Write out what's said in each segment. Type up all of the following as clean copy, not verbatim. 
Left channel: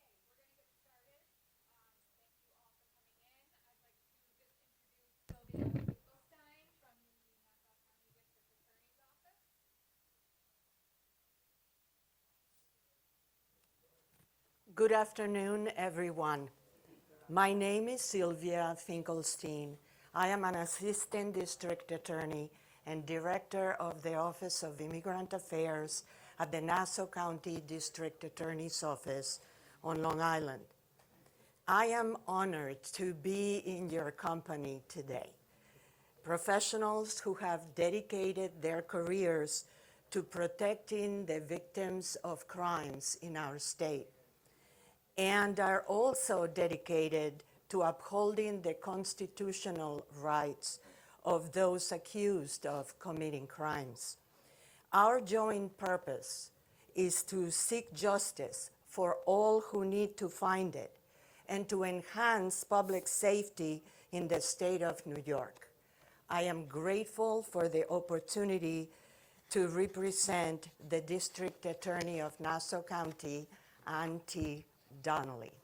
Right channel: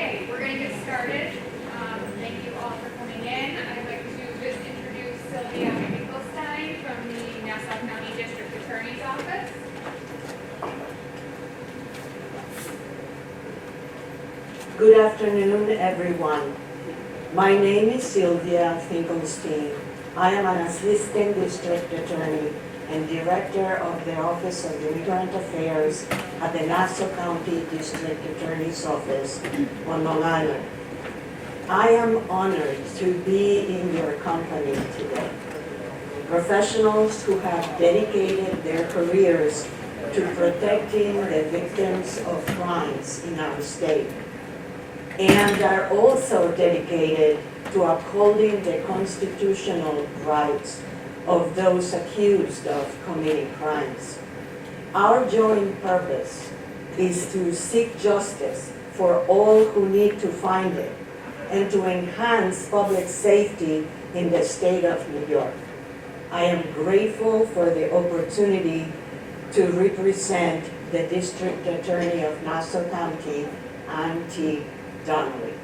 Okay, we're going to get started. Thank you all for coming in. I'd like to just introduce Sylvia Finkelstein from the Nassau County District Attorney's Office. Good afternoon, everyone. My name is Sylvia Finkelstein. I am an assistant district attorney and director of the Office of Immigrant Affairs at the Nassau County District Attorney's Office on Long Island. I am honored to be in your company today. Professionals who have dedicated their careers to protecting the victims of crimes in our state, and are also dedicated to upholding the constitutional rights of those accused of committing crimes. Our joint purpose is to seek justice for all who need to find it and to enhance public safety in the state of New York. I am grateful for the opportunity to represent the District Attorney of Nassau County, Ann T. Donnelly.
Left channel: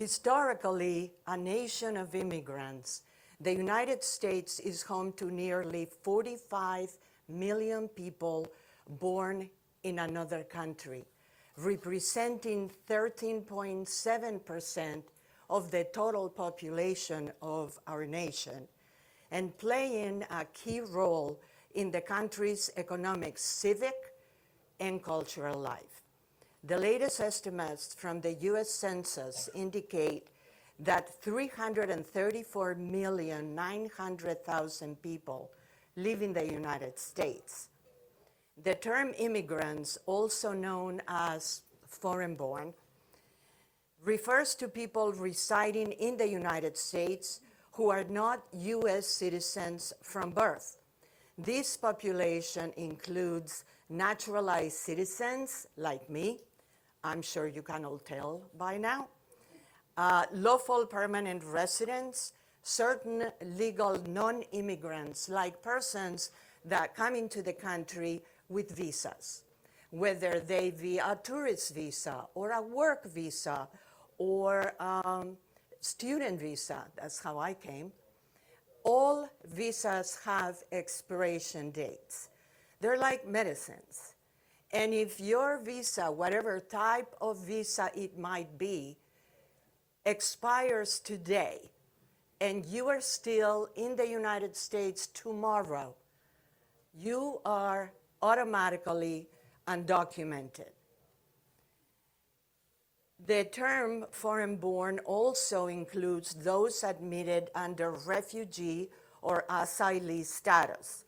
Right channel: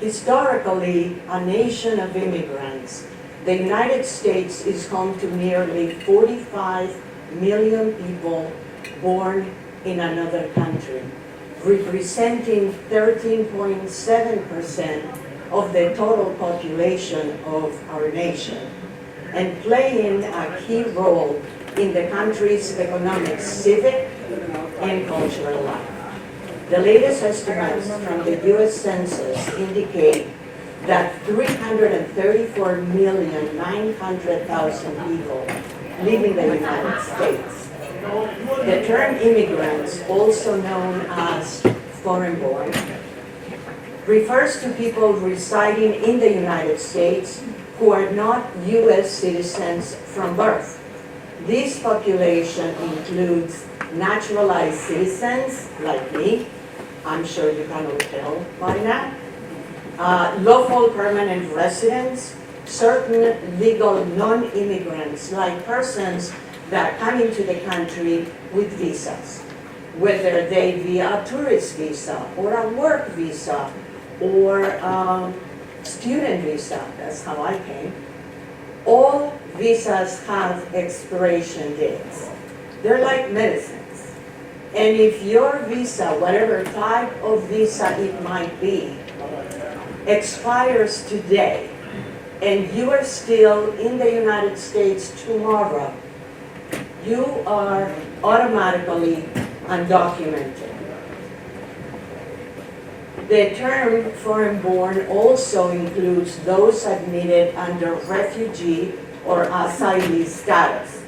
Historically, a nation of immigrants, the United States is home to nearly 45 million people born in another country, representing 13.7% of the total population of our nation, and playing a key role in the country's economic, civic, and cultural life. The latest estimates from the U.S. Census indicate that 334,900,000 people live in the United States. The term immigrants, also known as foreign-born, refers to people residing in the United States who are not U.S. citizens from birth. This population includes naturalized citizens like me, I'm sure you can all tell by now, lawful permanent residents, certain legal non-immigrants like persons that come into the country with visas, whether they via a tourist visa or a work visa or student visa, that's how I came. All visas have expiration dates. They're like medicines. And if your visa, whatever type of visa it might be, expires today, and you are still in the United States tomorrow, you are automatically undocumented. The term foreign-born also includes those admitted under refugee or asylee status,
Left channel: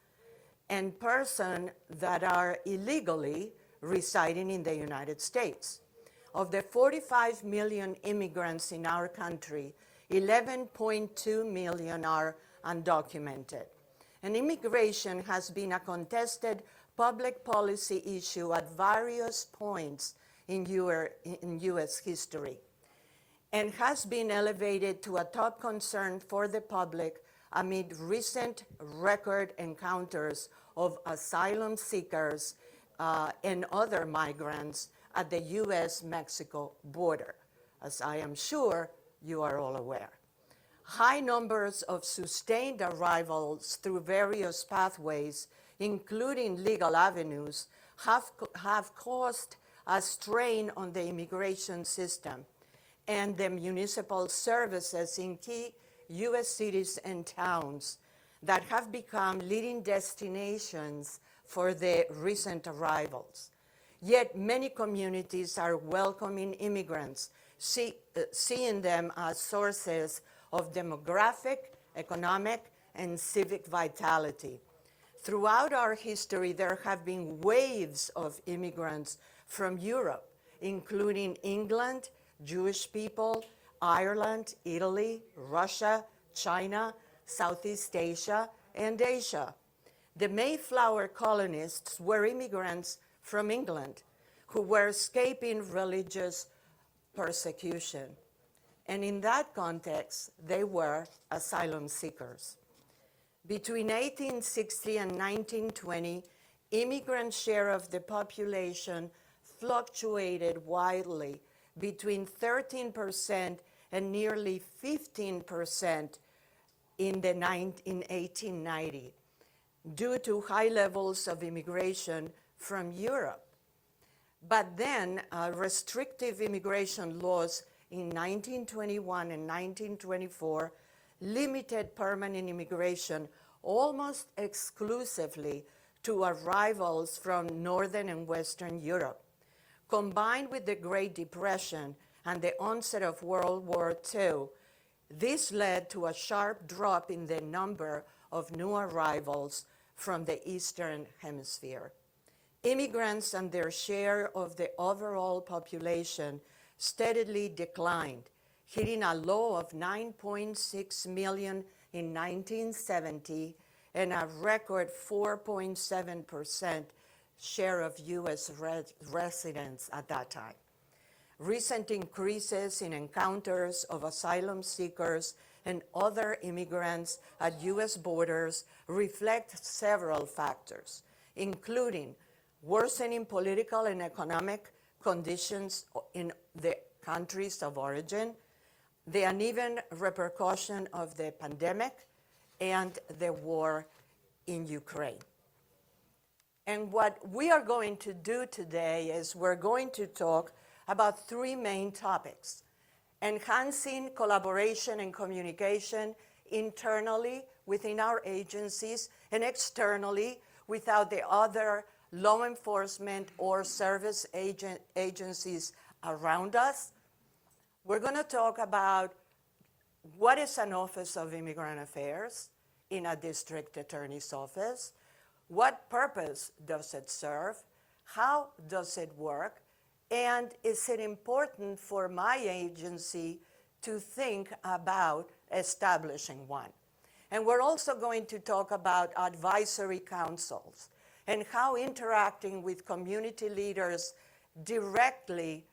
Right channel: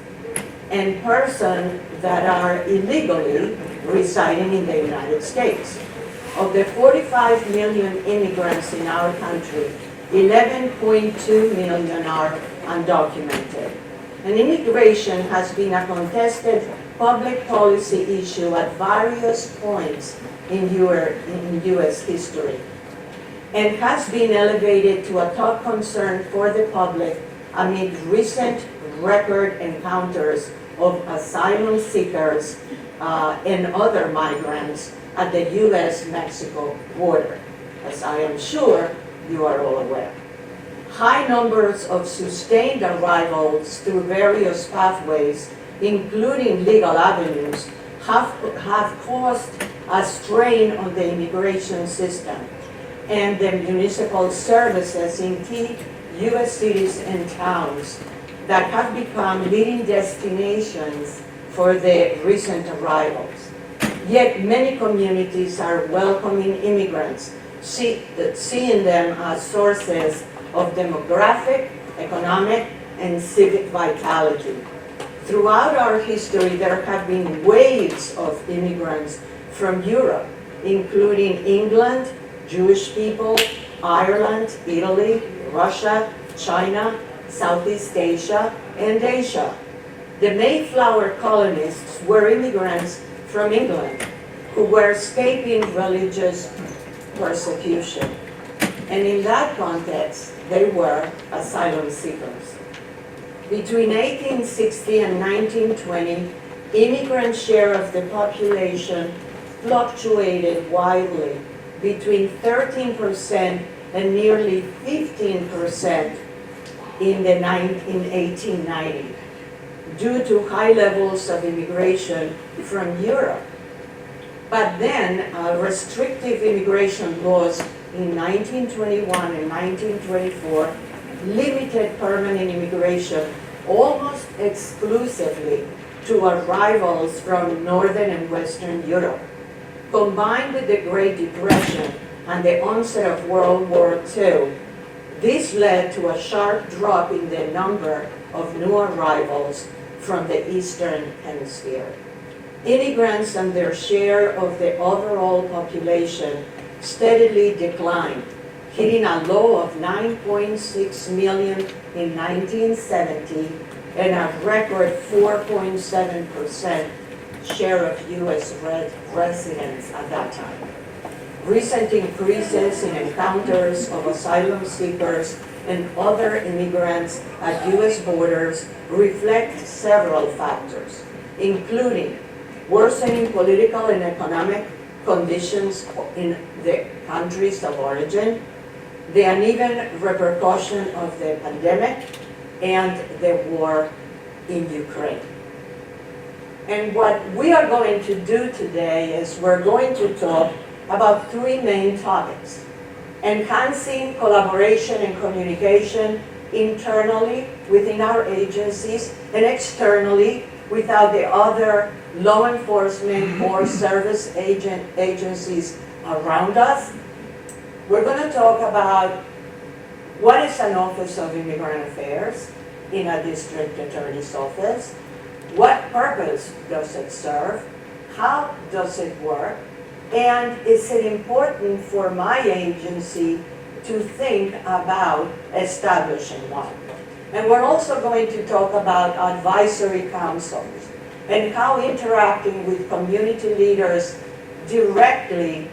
and persons that are illegally residing in the United States. Of the 45 million immigrants in our country, 11.2 million are undocumented. And immigration has been a contested public policy issue at various points in U.S. history, and has been elevated to a top concern for the public amid recent record encounters of asylum seekers and other migrants at the U.S.-Mexico border, as I am sure you are all aware. High numbers of sustained arrivals through various pathways, including legal avenues, have caused a strain on the immigration system and the municipal services in key U.S. cities and towns that have become leading destinations for the recent arrivals. Yet many communities are welcoming immigrants, seeing them as sources of demographic, economic, and civic vitality. Throughout our history, there have been waves of immigrants from Europe, including England, Jewish people, Ireland, Italy, Russia, China, Southeast Asia, and Asia. The Mayflower colonists were immigrants from England who were escaping religious persecution. And in that context, they were asylum seekers. Between 1860 and 1920, immigrant share of the population fluctuated wildly between 13% and nearly 15% in 1890 due to high levels of immigration from Europe. But then restrictive immigration laws in 1921 and 1924 limited permanent immigration almost exclusively to arrivals from Northern and Western Europe. Combined with the Great Depression and the onset of World War II, this led to a sharp drop in the number of new arrivals from the Eastern Hemisphere. Immigrants and their share of the overall population steadily declined, hitting a low of 9.6 million in 1970 and a record 4.7% share of U.S. residents at that time. Recent increases in encounters of asylum seekers and other immigrants at U.S. borders reflect several factors, including worsening political and economic conditions in the countries of origin, the uneven repercussion of the pandemic, and the war in Ukraine. And what we are going to do today is we're going to talk about three main topics: enhancing collaboration and communication internally within our agencies and externally without the other law enforcement or service agencies around us. We're going to talk about what is an Office of Immigrant Affairs in a district attorney's office, what purpose does it serve, how does it work, and is it important for my agency to think about establishing one. And we're also going to talk about advisory councils and how interacting with community leaders directly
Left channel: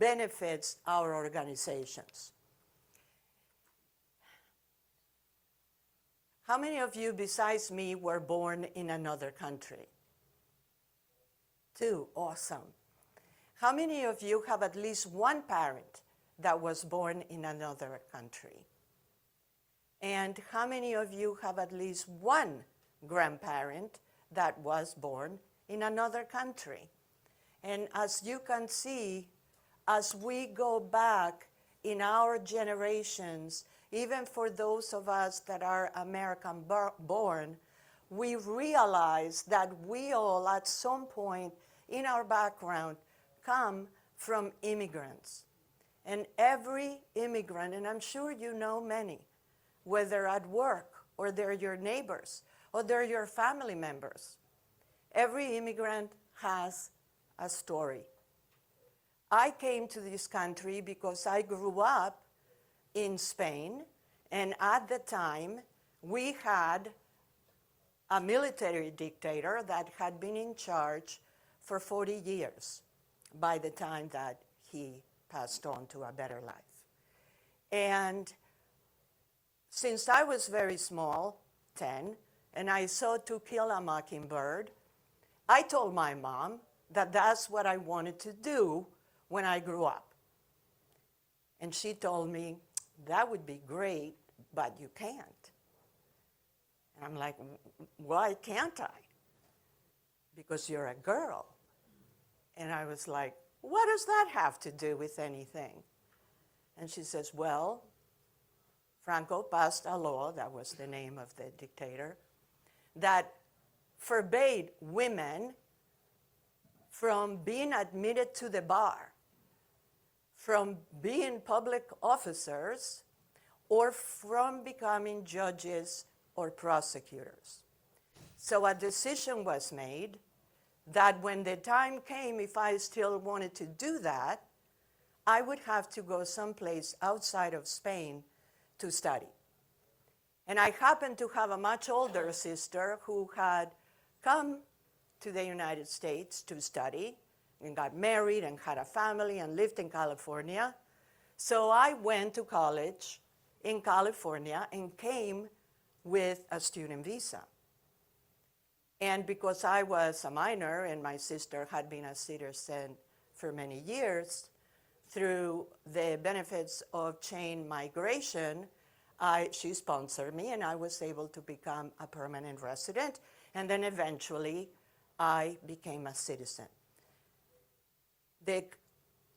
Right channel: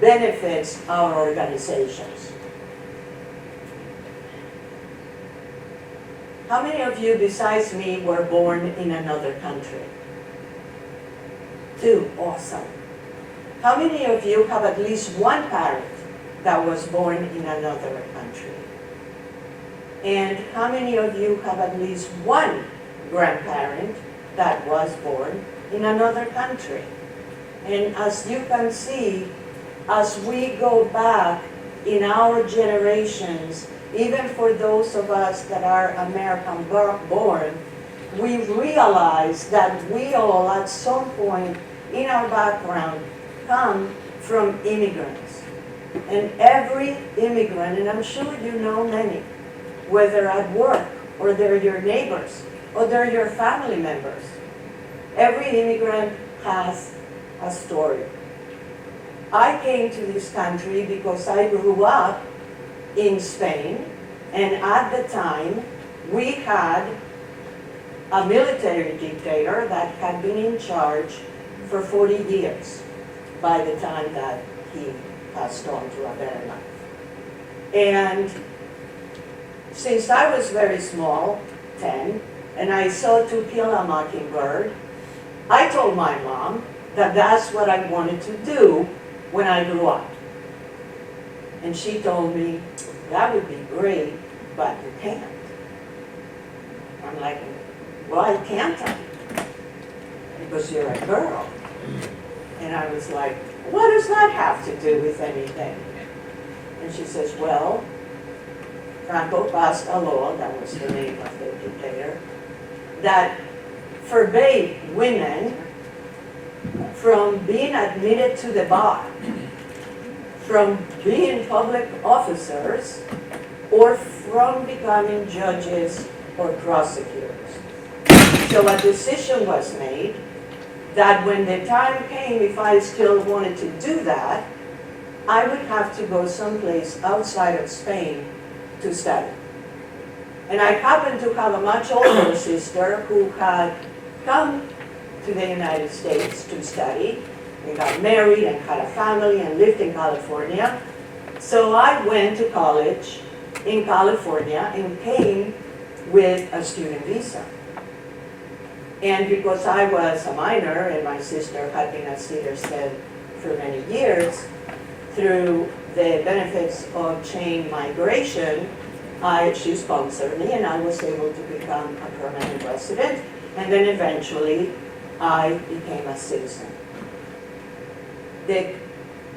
benefits our organizations. How many of you besides me were born in another country? 2, awesome. How many of you have at least one parent that was born in another country? And how many of you have at least one grandparent that was born in another country? And as you can see, as we go back in our generations, even for those of us that are American born, we realize that we all at some point in our background come from immigrants. And every immigrant, and I'm sure you know many, whether at work or they're your neighbors or they're your family members, every immigrant has a story. I came to this country because I grew up in Spain, and at the time we had a military dictator that had been in charge for 40 years by the time that he passed on to a better life. And since I was very small, 10, and I saw To Kill a Mockingbird, I told my mom that that's what I wanted to do when I grew up. And she told me, that would be great, but you can't. I'm like, why can't I? Because you're a girl. And I was like, what does that have to do with anything? And she says, well, Franco passed a law, that was the name of the dictator, that forbade women from being admitted to the bar, from being public officers, or from becoming judges or prosecutors. So a decision was made that when the time came, if I still wanted to do that, I would have to go someplace outside of Spain to study. And I happened to have a much older sister who had come to the United States to study. We got married and had a family and lived in California. So I went to college in California and came with a student visa. And because I was a minor and my sister had been a Cedars Head for many years, through the benefits of chain migration, she sponsored me and I was able to become a permanent resident. And then eventually I became a citizen. The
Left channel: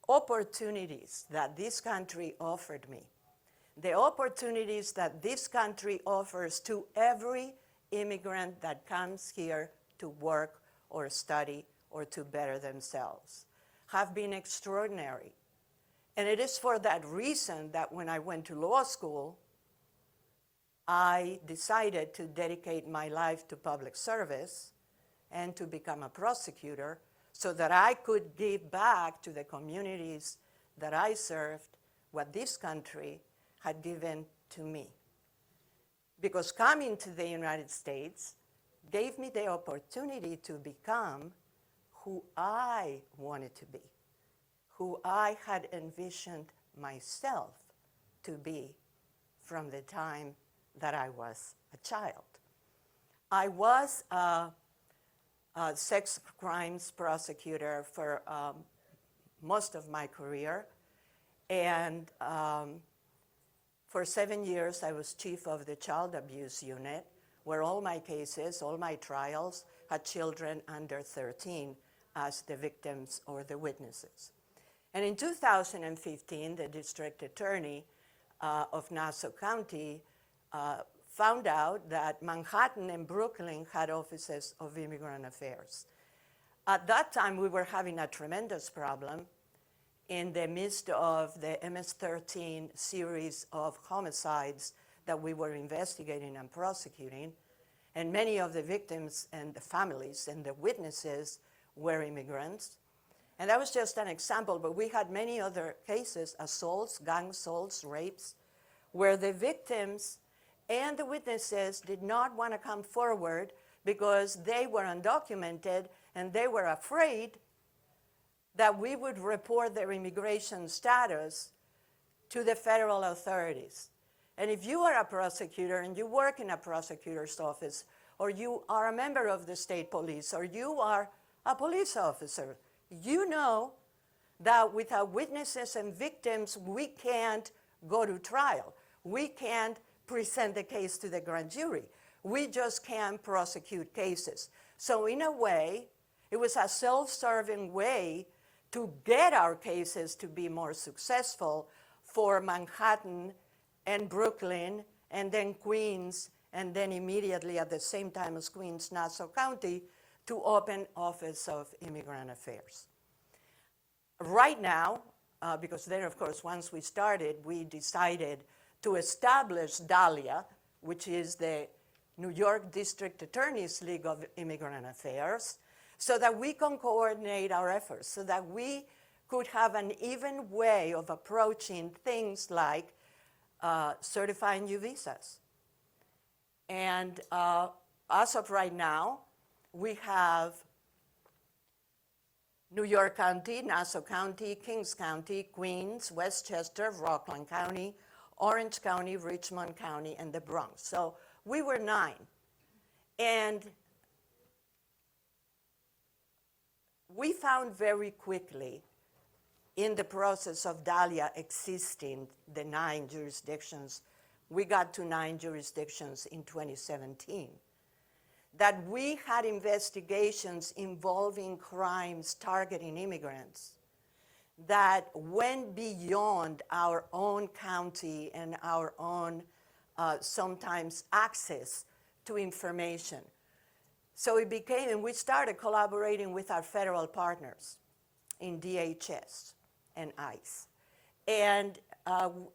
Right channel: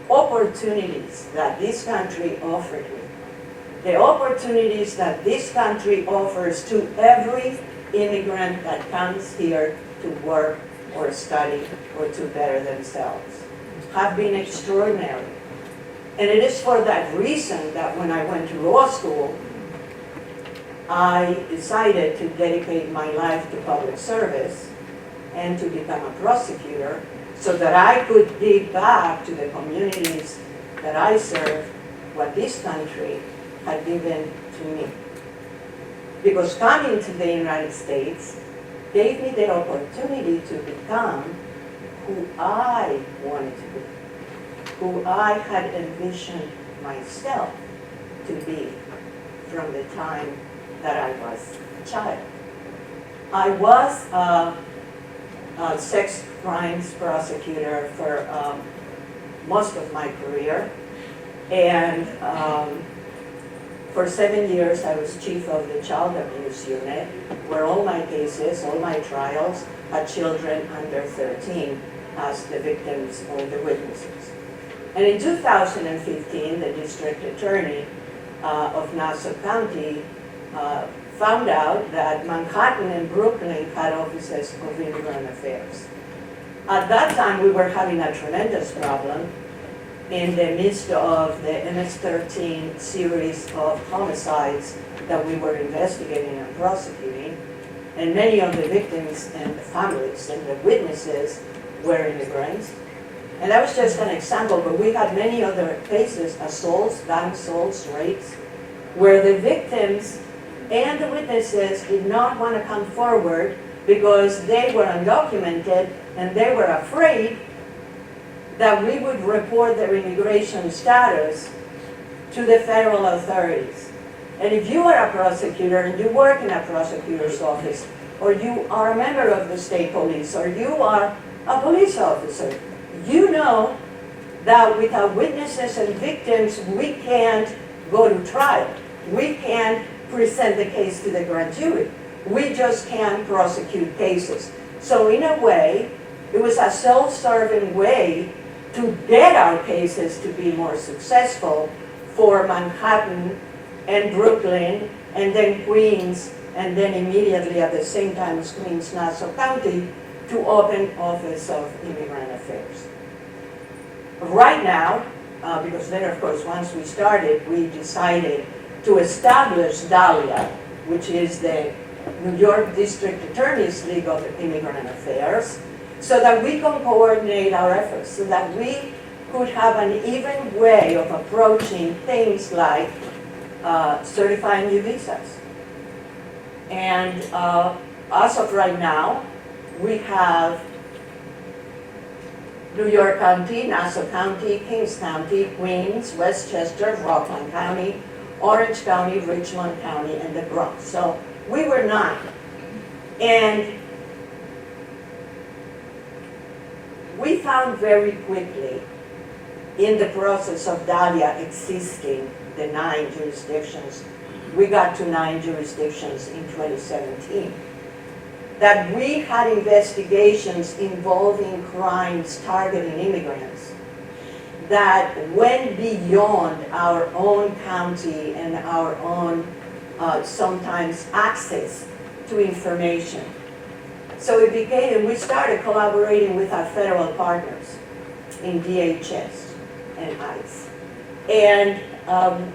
opportunities that this country offered me, the opportunities that this country offers to every immigrant that comes here to work or study or to better themselves, have been extraordinary. And it is for that reason that when I went to law school, I decided to dedicate my life to public service and to become a prosecutor so that I could give back to the communities that I serve what this country had given to me. Because coming to the United States gave me the opportunity to become who I wanted to be, who I had envisioned myself to be from the time that I was a child. I was a sex crimes prosecutor for most of my career, and for 7 years I was chief of the child abuse unit, where all my cases, all my trials had children under 13 as the victims or the witnesses. And in 2015, the district attorney of Nassau County found out that Manhattan and Brooklyn had offices of immigrant affairs. At that time, we were having a tremendous problem in the midst of the MS-13 series of homicides that we were investigating and prosecuting, and many of the victims and the families and the witnesses were immigrants. And that was just an example, but we had many other cases, assaults, gang assaults, rapes, where the victims and the witnesses did not want to come forward because they were undocumented and they were afraid that we would report their immigration status to the federal authorities. And if you are a prosecutor and you work in a prosecutor's office, or you are a member of the state police, or you are a police officer, you know that without witnesses and victims, we can't go to trial. We can't present the case to the grand jury. We just can't prosecute cases. So in a way, it was a self-serving way to get our cases to be more successful for Manhattan and Brooklyn and then Queens, and then immediately at the same time as Queens, Nassau County, to open Office of Immigrant Affairs. Right now, because then of course once we started, we decided to establish DALIA, which is the New York District Attorney's League of Immigrant Affairs, so that we can coordinate our efforts, so that we could have an even way of approaching things like certifying new visas. And as of right now, we have New York County, Nassau County, Kings County, Queens, Westchester, Rockland County, Orange County, Richmond County, and the Bronx. So we were 9. And we found very quickly in the process of DALIA existing the 9 jurisdictions, we got to 9 jurisdictions in 2017, that we had investigations involving crimes targeting immigrants that went beyond our own county and our own sometimes access to information. So it became, and we started collaborating with our federal partners in DHS and ICE. And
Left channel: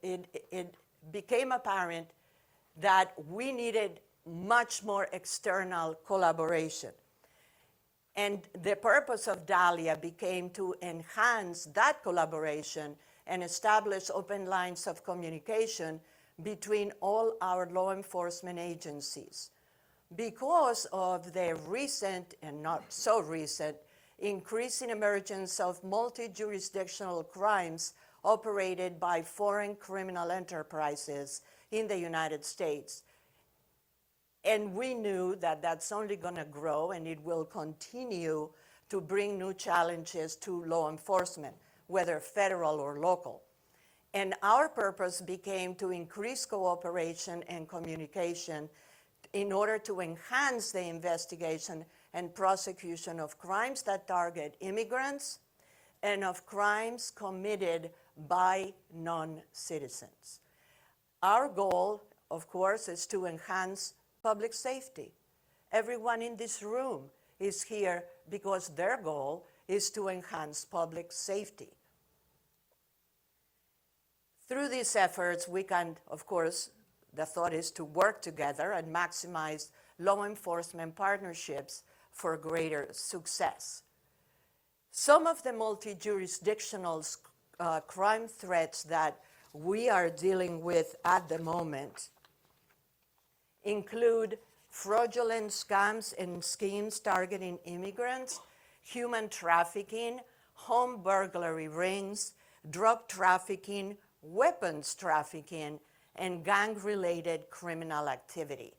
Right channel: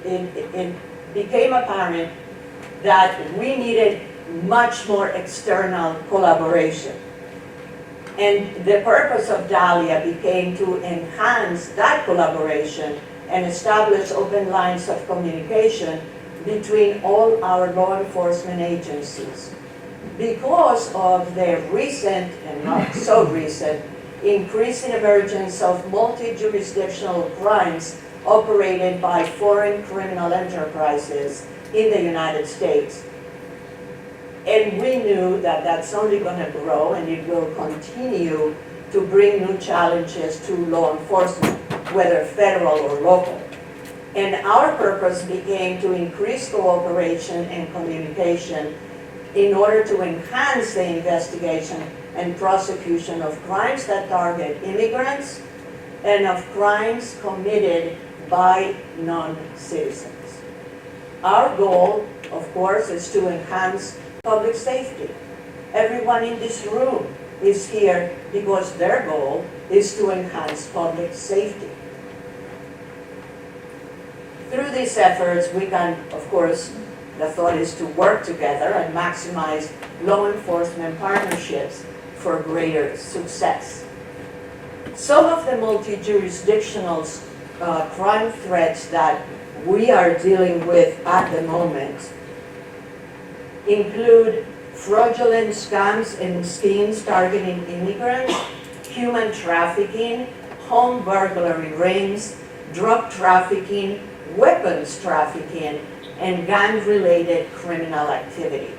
it became apparent that we needed much more external collaboration. And the purpose of DALIA became to enhance that collaboration and establish open lines of communication between all our law enforcement agencies. Because of the recent, and not so recent, increasing emergence of multi-jurisdictional crimes operated by foreign criminal enterprises in the United States. And we knew that that's only going to grow and it will continue to bring new challenges to law enforcement, whether federal or local. And our purpose became to increase cooperation and communication in order to enhance the investigation and prosecution of crimes that target immigrants and of crimes committed by non-citizens. Our goal, of course, is to enhance public safety. Everyone in this room is here because their goal is to enhance public safety. Through these efforts, we can, of course, the thought is to work together and maximize law enforcement partnerships for greater success. Some of the multi-jurisdictional crime threats that we are dealing with at the moment include fraudulent scams and schemes targeting immigrants, human trafficking, home burglary rings, drug trafficking, weapons trafficking, and gang-related criminal activity.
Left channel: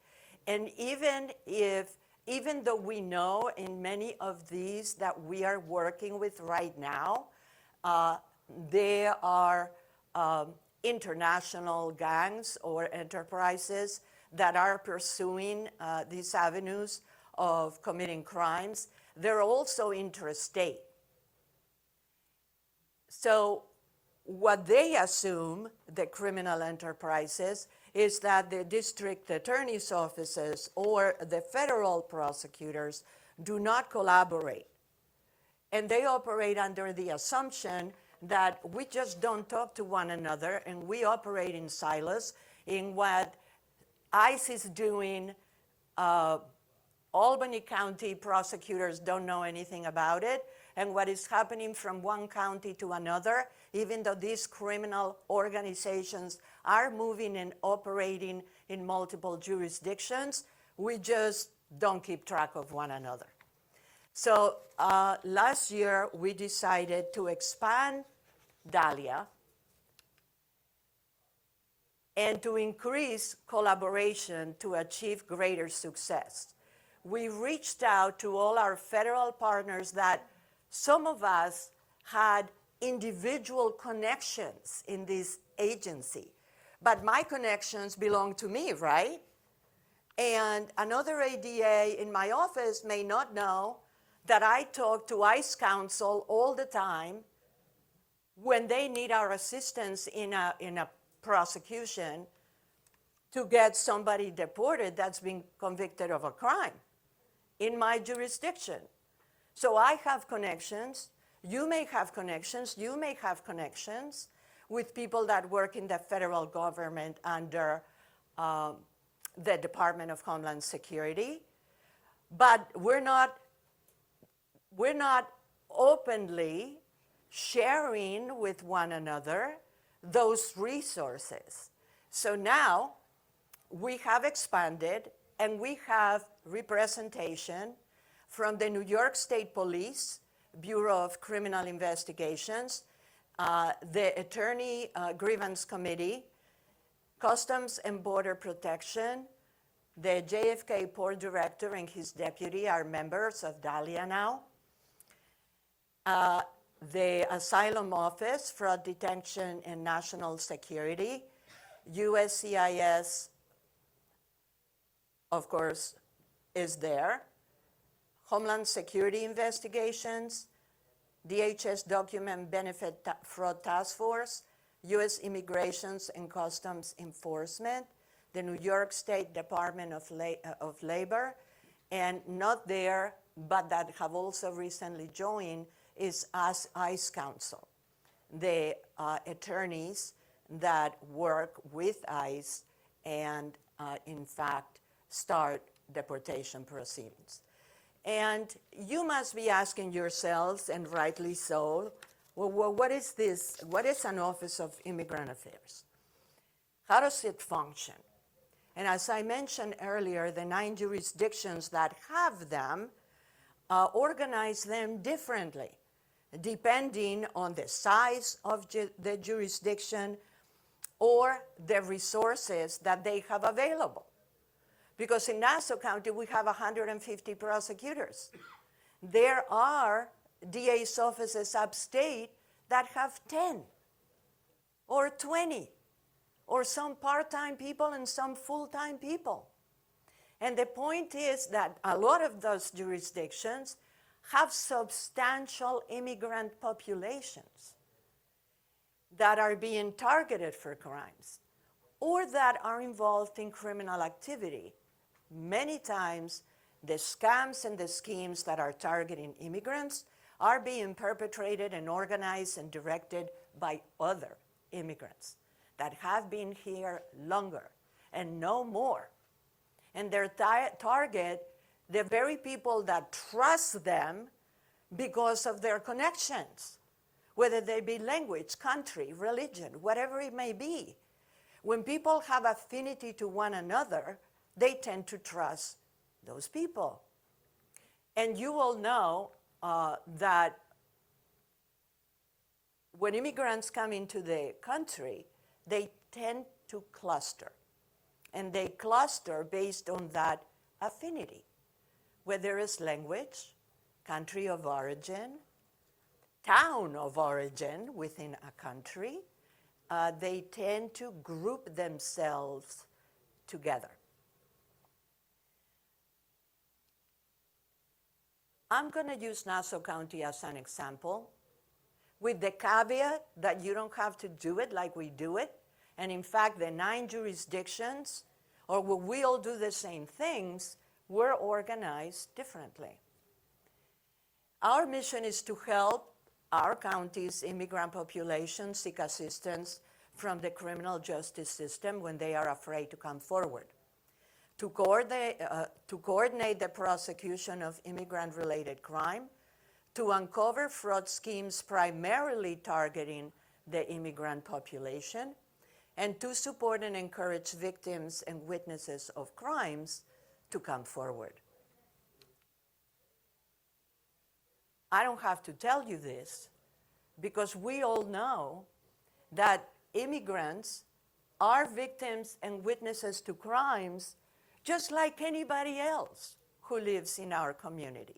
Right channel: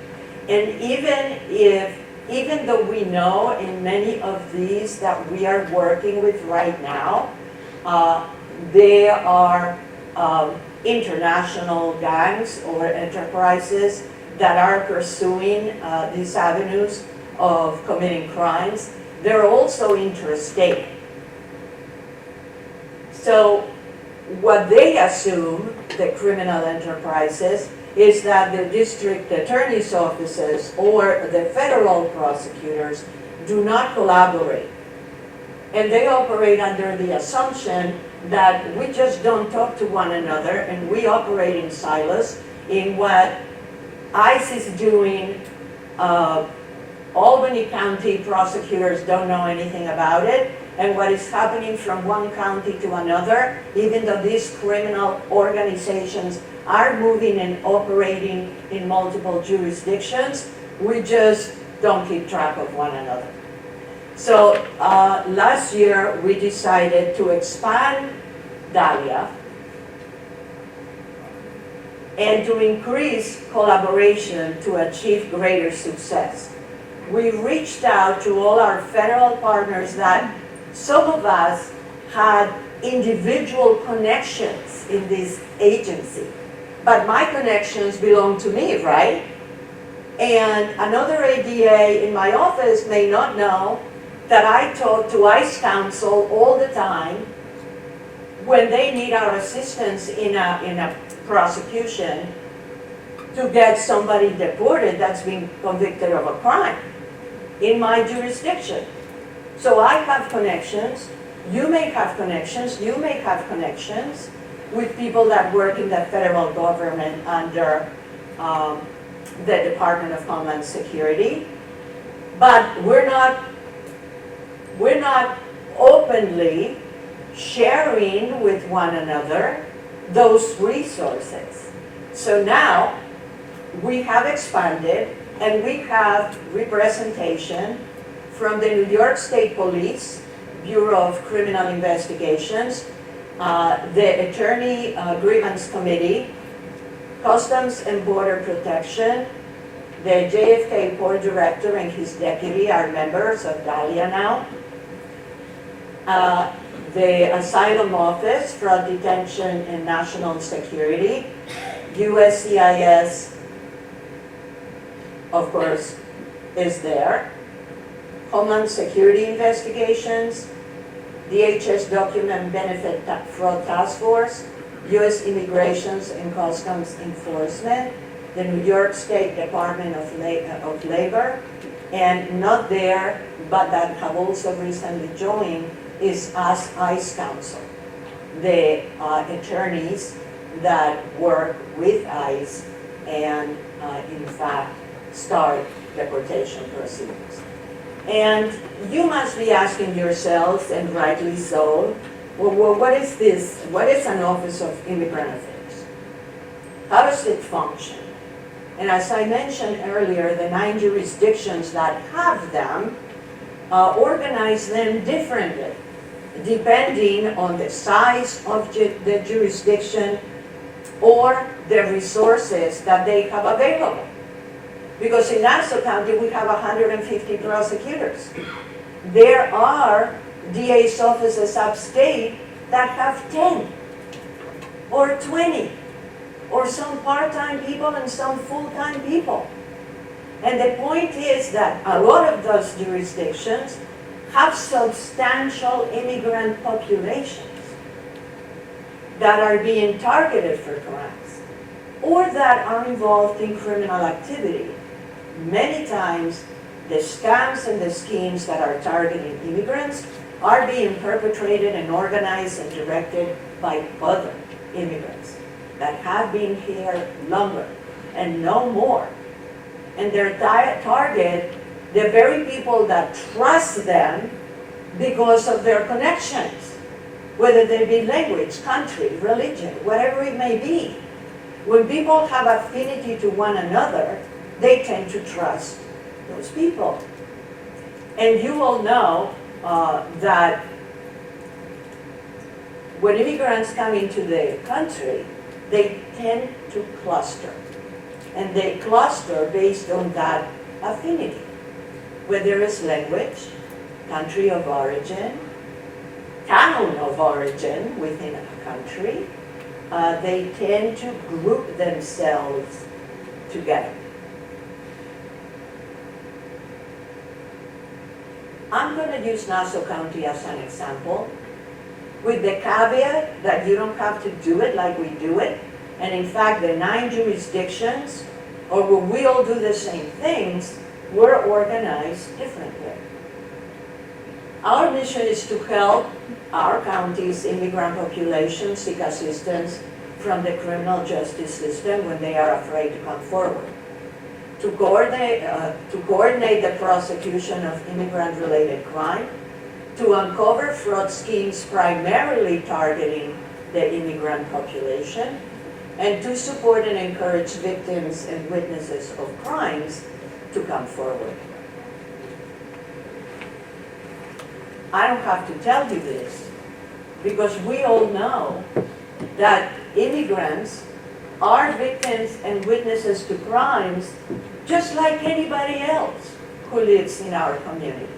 And even though we know in many of these that we are working with right now, they are international gangs or enterprises that are pursuing these avenues of committing crimes. They're also interstate. So what they assume, the criminal enterprises, is that the district attorney's offices or the federal prosecutors do not collaborate. And they operate under the assumption that we just don't talk to one another and we operate in silos. In what ICE is doing, Albany County prosecutors don't know anything about it, and what is happening from one county to another, even though these criminal organizations are moving and operating in multiple jurisdictions, we just don't keep track of one another. So last year we decided to expand DALIA and to increase collaboration to achieve greater success. We reached out to all our federal partners that some of us had individual connections in this agency, but my connections belong to me, right? And another ADA in my office may not know that I talk to ICE counsel all the time when they need our assistance in a prosecution to get somebody deported that's been convicted of a crime in my jurisdiction. So I have connections, you may have connections, you may have connections with people that work in the federal government under the Department of Homeland Security, but we're not openly sharing with one another those resources. So now we have expanded and we have representation from the New York State Police, Bureau of Criminal Investigations, the Attorney Grievance Committee, Customs and Border Protection, the JFK Port Director and his deputy are members of DALIA now. The Asylum Office, Fraud Detention and National Security, USCIS, of course, is there. Homeland Security Investigations, DHS Document Benefit Fraud Task Force, U.S. Immigrations and Customs Enforcement, the New York State Department of Labor, and not there, but that have also recently joined, is us ICE Counsel, the attorneys that work with ICE and in fact start deportation proceedings. And you must be asking yourselves, and rightly so, well, what is this? What is an Office of Immigrant Affairs? How does it function? And as I mentioned earlier, the 9 jurisdictions that have them organize them differently, depending on the size of the jurisdiction or the resources that they have available. Because in Nassau County, we have 150 prosecutors. there are DA's offices upstate that have 10 or 20 or some part-time people and some full-time people. And the point is that a lot of those jurisdictions have substantial immigrant populations that are being targeted for crimes or that are involved in criminal activity. Many times, the scams and the schemes that are targeting immigrants are being perpetrated and organized and directed by other immigrants that have been here longer and know more. And their target, the very people that trust them because of their connections, whether they be language, country, religion, whatever it may be. When people have affinity to one another, they tend to trust those people. And you all know that when immigrants come into the country, they tend to cluster. And they cluster based on that affinity. Whether it's language, country of origin, town of origin within a country, they tend to group themselves together. I'm going to use Nassau County as an example, with the caveat that you don't have to do it like we do it. And in fact, the 9 jurisdictions, or where we all do the same things, we're organized differently. Our mission is to help our county's immigrant population seek assistance from the criminal justice system when they are afraid to come forward. To coordinate the prosecution of immigrant-related crime, to uncover fraud schemes primarily targeting the immigrant population, and to support and encourage victims and witnesses of crimes to come forward. I don't have to tell you this, because we all know that immigrants are victims and witnesses to crimes just like anybody else who lives in our communities.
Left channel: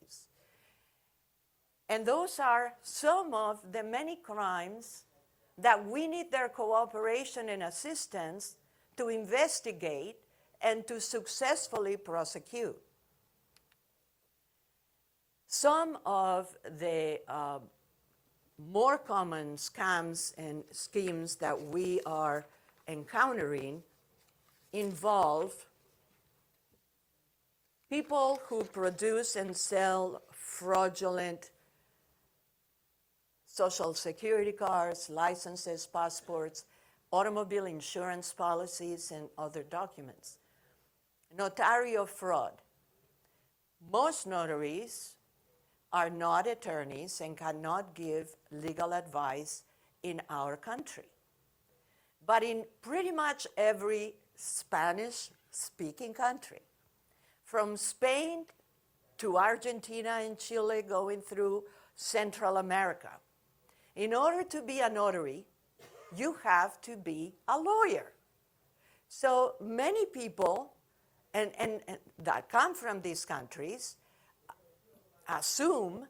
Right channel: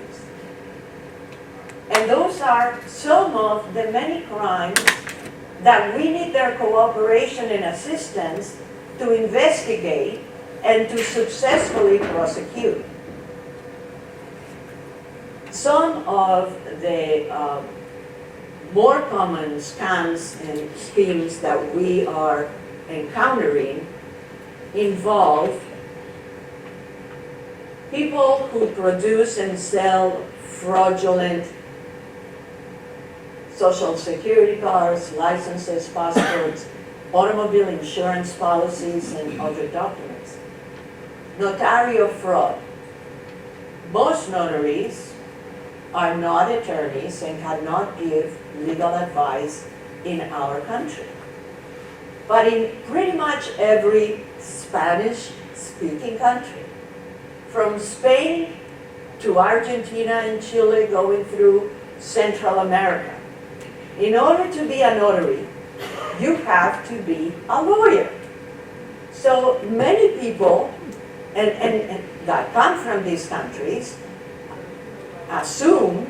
And those are some of the many crimes that we need their cooperation and assistance to investigate and to successfully prosecute. Some of the more common scams and schemes that we are encountering involve people who produce and sell fraudulent social security cards, licenses, passports, automobile insurance policies, and other documents. Notarial fraud. Most notaries are not attorneys and cannot give legal advice in our country. But in pretty much every Spanish-speaking country, from Spain to Argentina and Chile, going through Central America, in order to be a notary, you have to be a lawyer. So many people and that come from these countries assume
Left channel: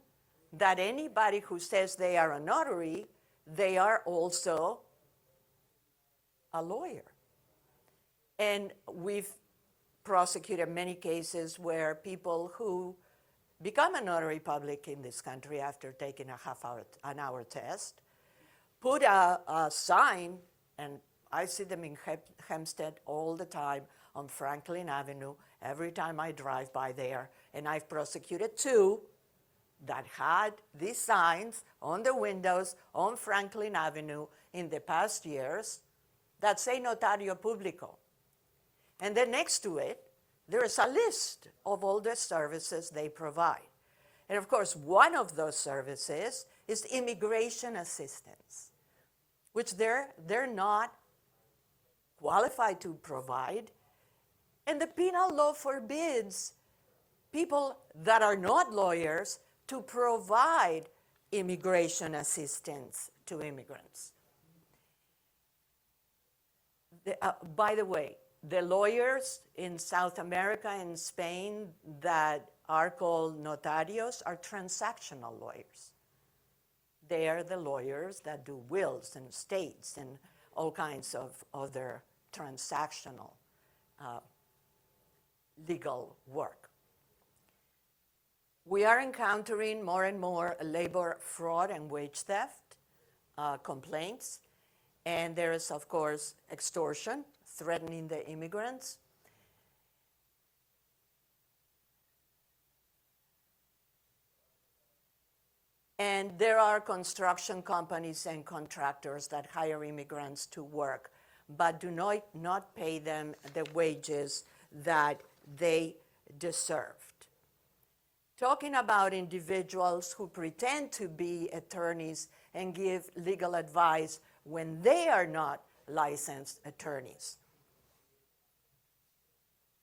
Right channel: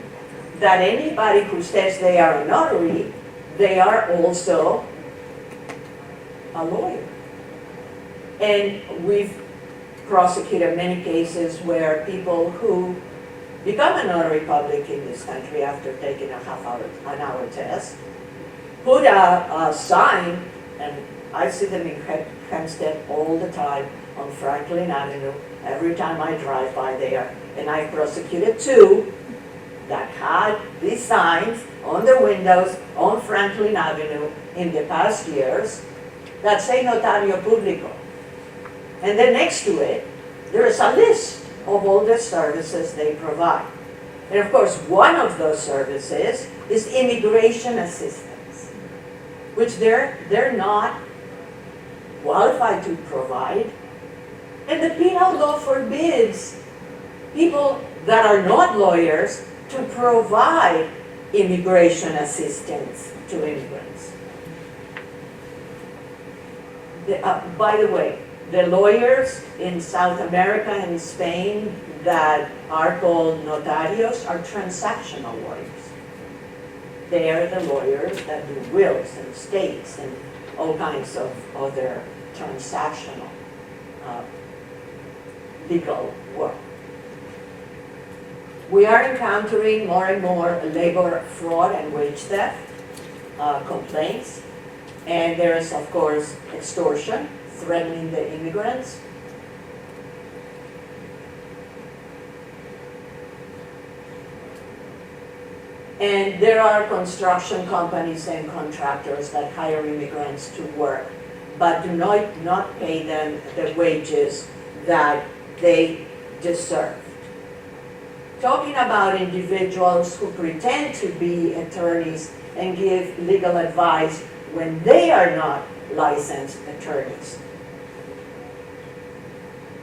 that anybody who says they are a notary, they are also a lawyer. And we've prosecuted many cases where people who become a notary public in this country after taking an hour test, put a sign, and I see them in Hempstead all the time on Franklin Avenue, every time I drive by there, and I prosecuted 2 that had these signs on their windows on Franklin Avenue in the past years that say Notario Público. And then next to it, there's a list of all the services they provide. And of course, one of those services is immigration assistance, which they're not qualified to provide. And the penal law forbids people that are not lawyers to provide immigration assistance to immigrants. By the way, The lawyers in South America and Spain that are called notarios are transactional lawyers. They are the lawyers that do wills and estates and all kinds of other transactional legal work. We are encountering more and more labor fraud and wage theft complaints. And there is, of course, extortion, threatening the immigrants. And there are construction companies and contractors that hire immigrants to work, but do not pay them the wages that they deserve. Talking about individuals who pretend to be attorneys and give legal advice when they are not licensed attorneys.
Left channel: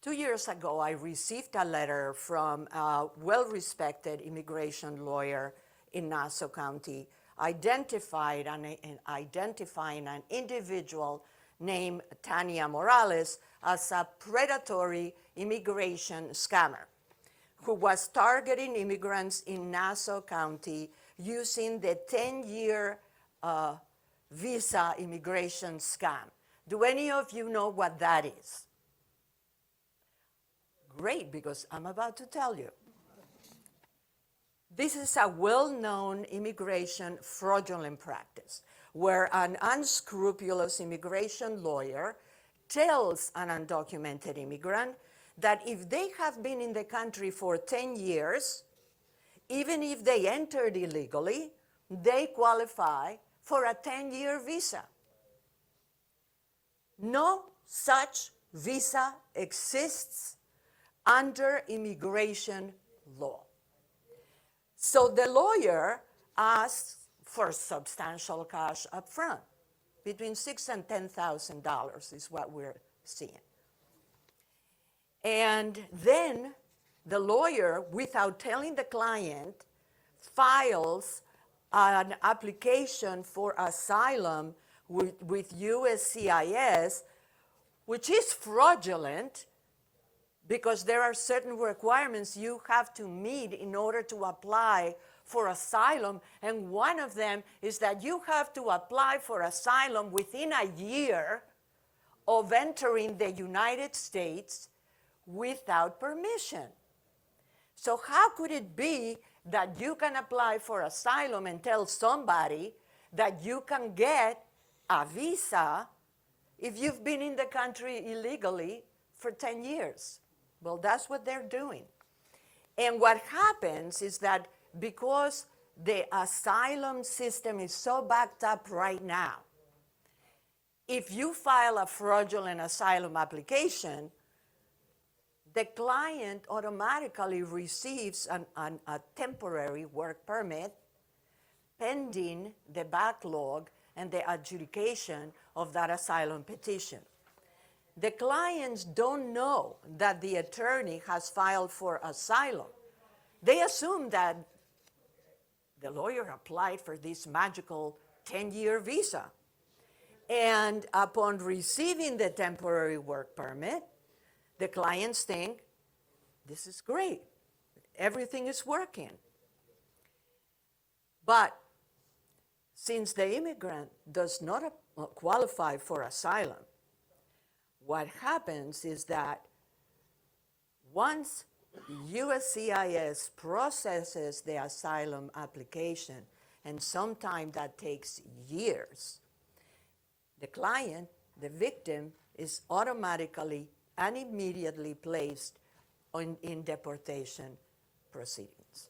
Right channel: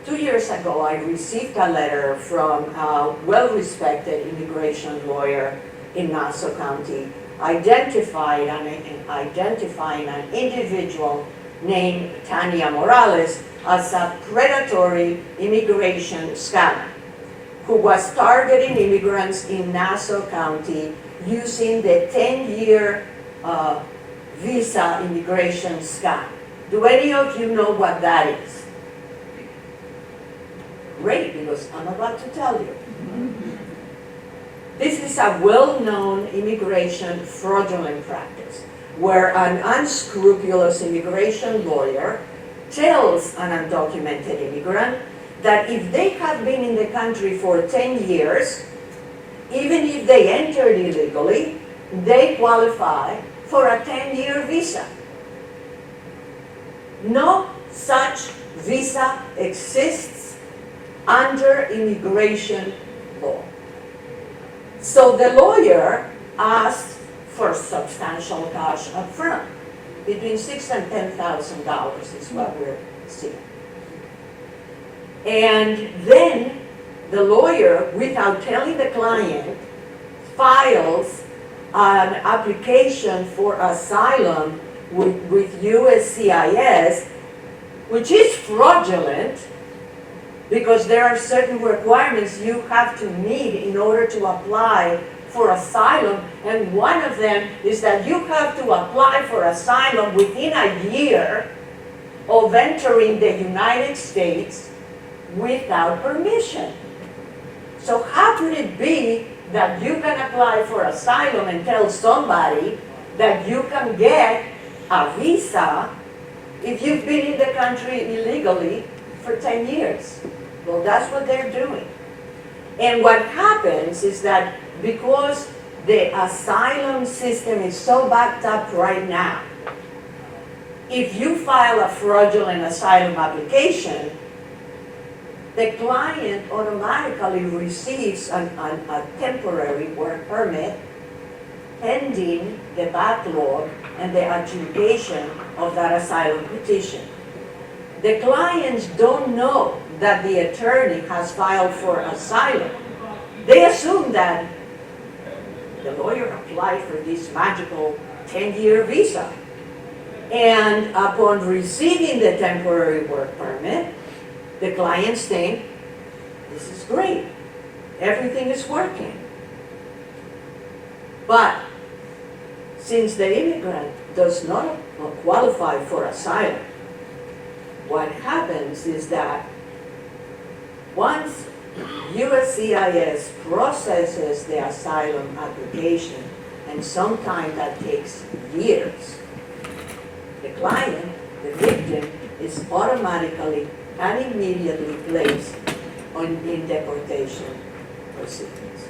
2 years ago, I received a letter from a well-respected immigration lawyer in Nassau County identifying an individual named Tania Morales as a predatory immigration scammer who was targeting immigrants in Nassau County using the 10-year visa immigration scam. Do any of you know what that is? Great, because I'm about to tell you. This is a well-known immigration fraudulent practice where an unscrupulous immigration lawyer tells an undocumented immigrant that if they have been in the country for 10 years, even if they entered illegally, they qualify for a 10-year visa. No such visa exists under immigration law. So the lawyer asked for substantial cash up front. Between $6,000 and $10,000 is what we're seeing. And then the lawyer, without telling the client, files an application for asylum with USCIS, which is fraudulent because there are certain requirements you have to meet in order to apply for asylum, and one of them is that you have to apply for asylum within a year of entering the United States without permission. So how could it be that you can apply for asylum and tell somebody that you can get a visa if you've been in the country illegally for 10 years? Well, that's what they're doing. And what happens is that because the asylum system is so backed up right now, if you file a fraudulent asylum application, the client automatically receives a temporary work permit pending the backlog and the adjudication of that asylum petition. The clients don't know that the attorney has filed for asylum. They assume that the lawyer applied for this magical 10-year visa. And upon receiving the temporary work permit, the clients think, this is great, everything is working. But since the immigrant does not qualify for asylum, what happens is that once USCIS processes the asylum application, and sometimes that takes years, the client, the victim, is automatically and immediately placed in deportation proceedings.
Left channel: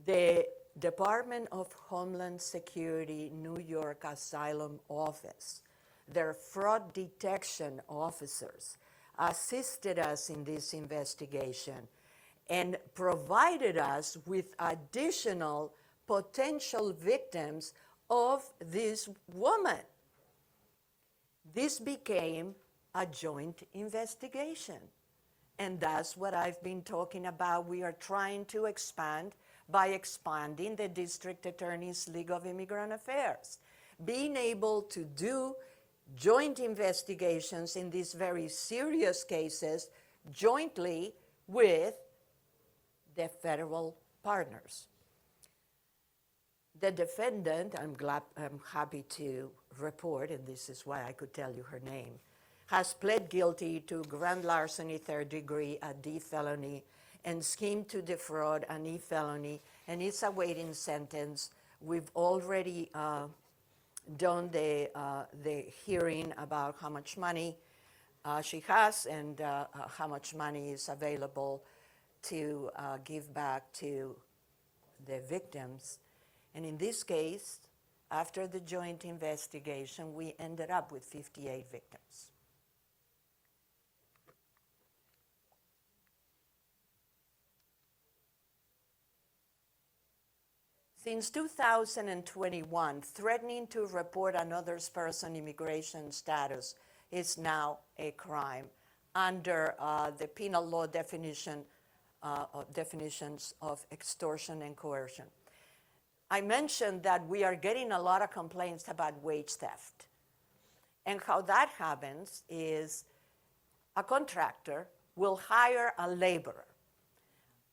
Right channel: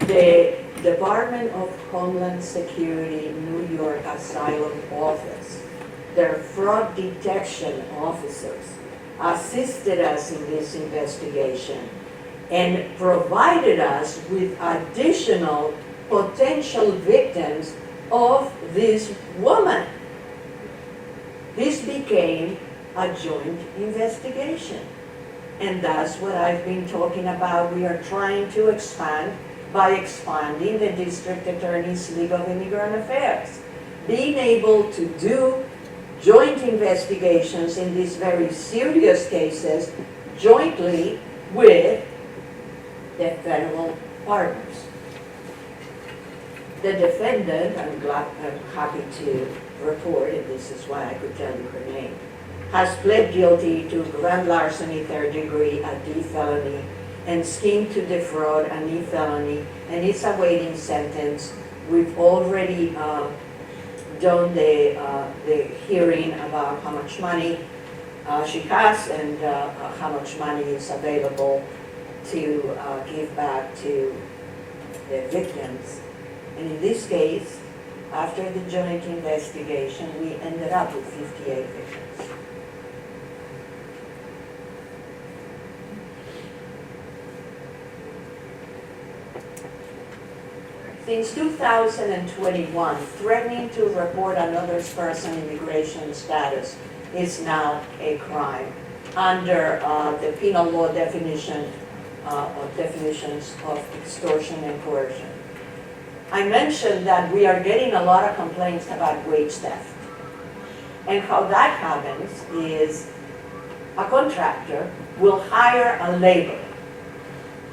The Department of Homeland Security New York Asylum Office, their fraud detection officers, assisted us in this investigation and provided us with additional potential victims of this woman. This became a joint investigation. And that's what I've been talking about. We are trying to expand by expanding the District Attorney's League of Immigrant Affairs. Being able to do joint investigations in these very serious cases jointly with the federal partners. The defendant, I'm happy to report, and this is why I could tell you her name, has pled guilty to grand larceny, third degree, a D felony, and scheme to defraud, an E felony, and is awaiting sentence. We've already done the hearing about how much money she has and how much money is available to give back to the victims. And in this case, after the joint investigation, we ended up with 58 victims. Since 2021, threatening to report another person's immigration status is now a crime under the penal law definitions of extortion and coercion. I mentioned that we are getting a lot of complaints about wage theft. And how that happens is a contractor will hire a laborer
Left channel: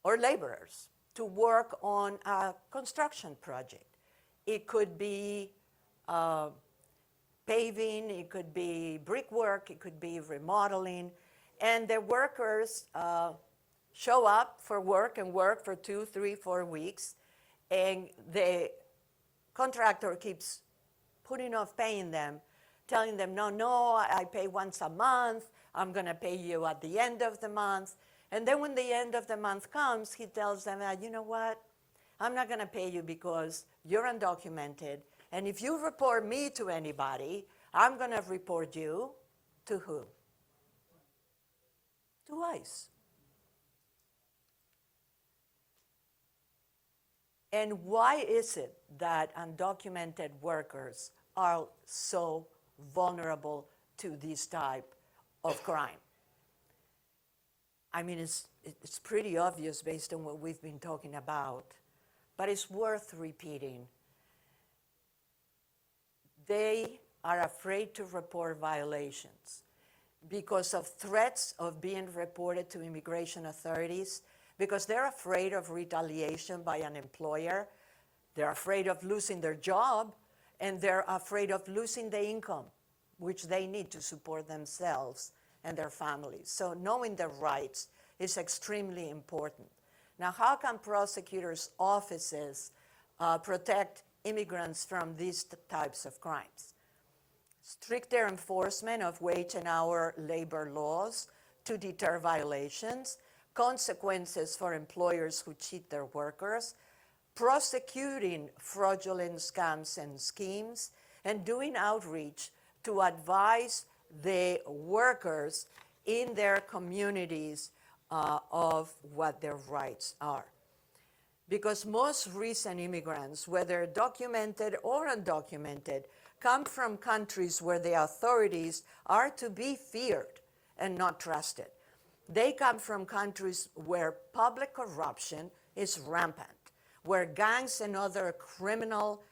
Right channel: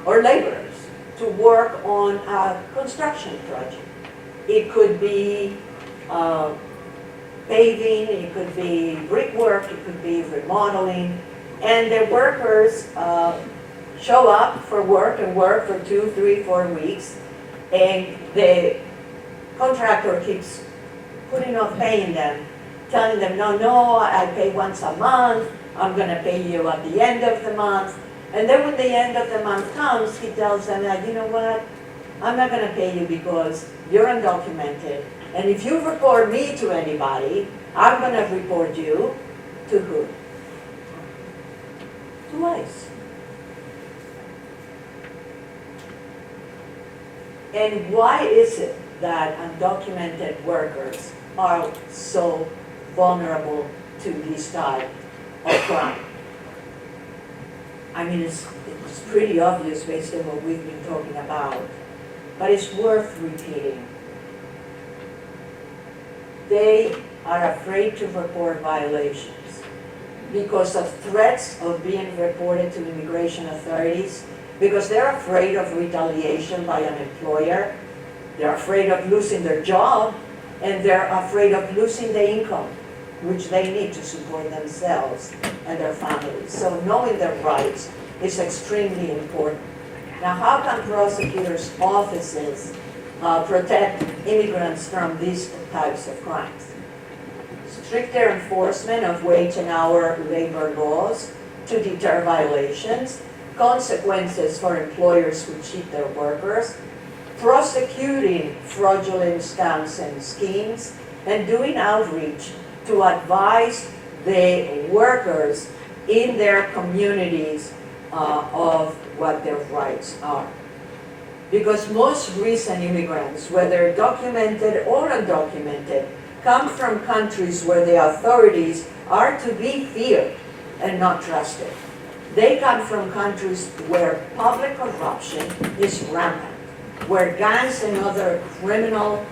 or laborers to work on a construction project. It could be paving, it could be brickwork, it could be remodeling, and the workers show up for work and work for 2, 3, 4 weeks, and the contractor keeps putting off paying them, telling them, no, I pay once a month, I'm gonna pay you at the end of the month. And then when the end of the month comes, he tells them, you know what, I'm not gonna pay you because you're undocumented, and if you report me to anybody, I'm gonna report you to who? To ICE. And why is it that undocumented workers are so vulnerable to this type of crime? I mean, it's pretty obvious based on what we've been talking about, but it's worth repeating. They are afraid to report violations because of threats of being reported to immigration authorities, because they're afraid of retaliation by an employer, they're afraid of losing their job, and they're afraid of losing the income which they need to support themselves and their families. So knowing their rights is extremely important. Now, how can prosecutors' offices protect immigrants from these types of crimes? Stricter enforcement of wage and hour labor laws to deter violations, consequences for employers who cheat their workers, prosecuting fraudulent scams and schemes, and doing outreach to advise the workers in their communities of what their rights are. Because most recent immigrants, whether documented or undocumented, come from countries where the authorities are to be feared and not trusted. They come from countries where public corruption is rampant, where gangs and other criminal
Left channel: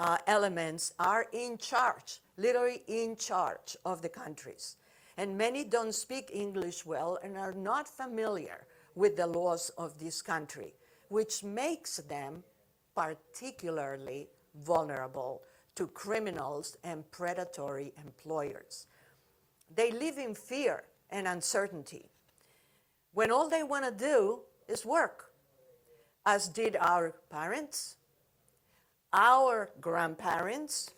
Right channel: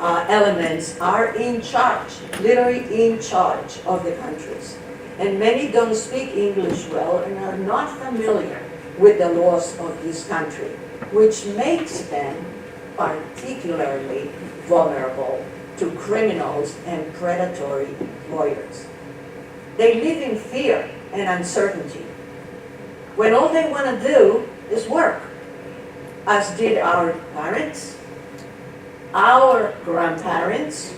elements are in charge, literally in charge of the countries. And many don't speak English well and are not familiar with the laws of this country, which makes them particularly vulnerable to criminals and predatory employers. They live in fear and uncertainty, when all they want to do is work, as did our parents, our grandparents,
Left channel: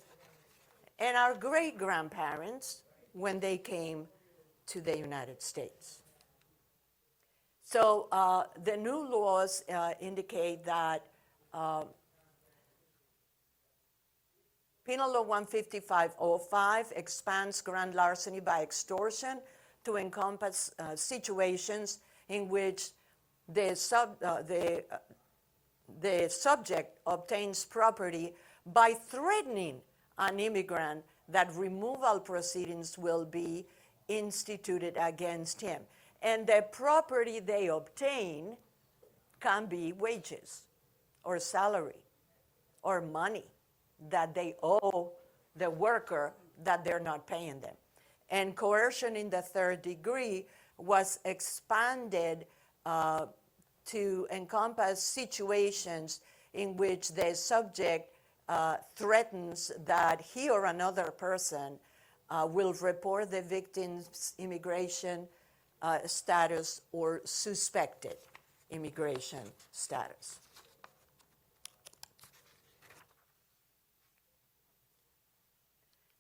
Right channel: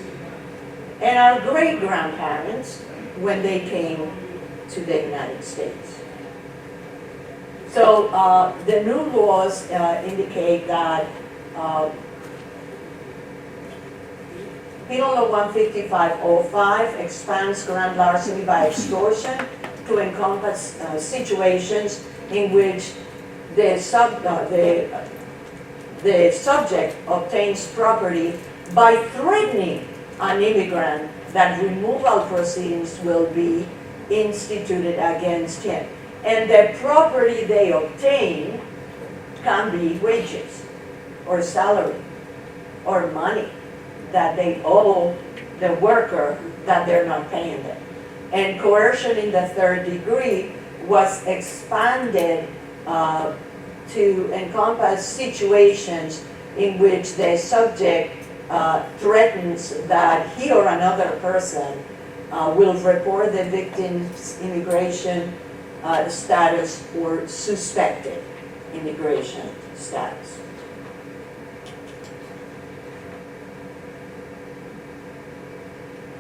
and our great-grandparents when they came to the United States. So the new laws indicate that Penal Law 155.05 expands grand larceny by extortion to encompass situations in which the subject obtains property by threatening an immigrant that removal proceedings will be instituted against him. And the property they obtain can be wages or salary or money that they owe the worker that they're not paying them. And coercion in the third degree was expanded to encompass situations in which the subject threatens that he or another person will report the victim's immigration status or suspected immigration status.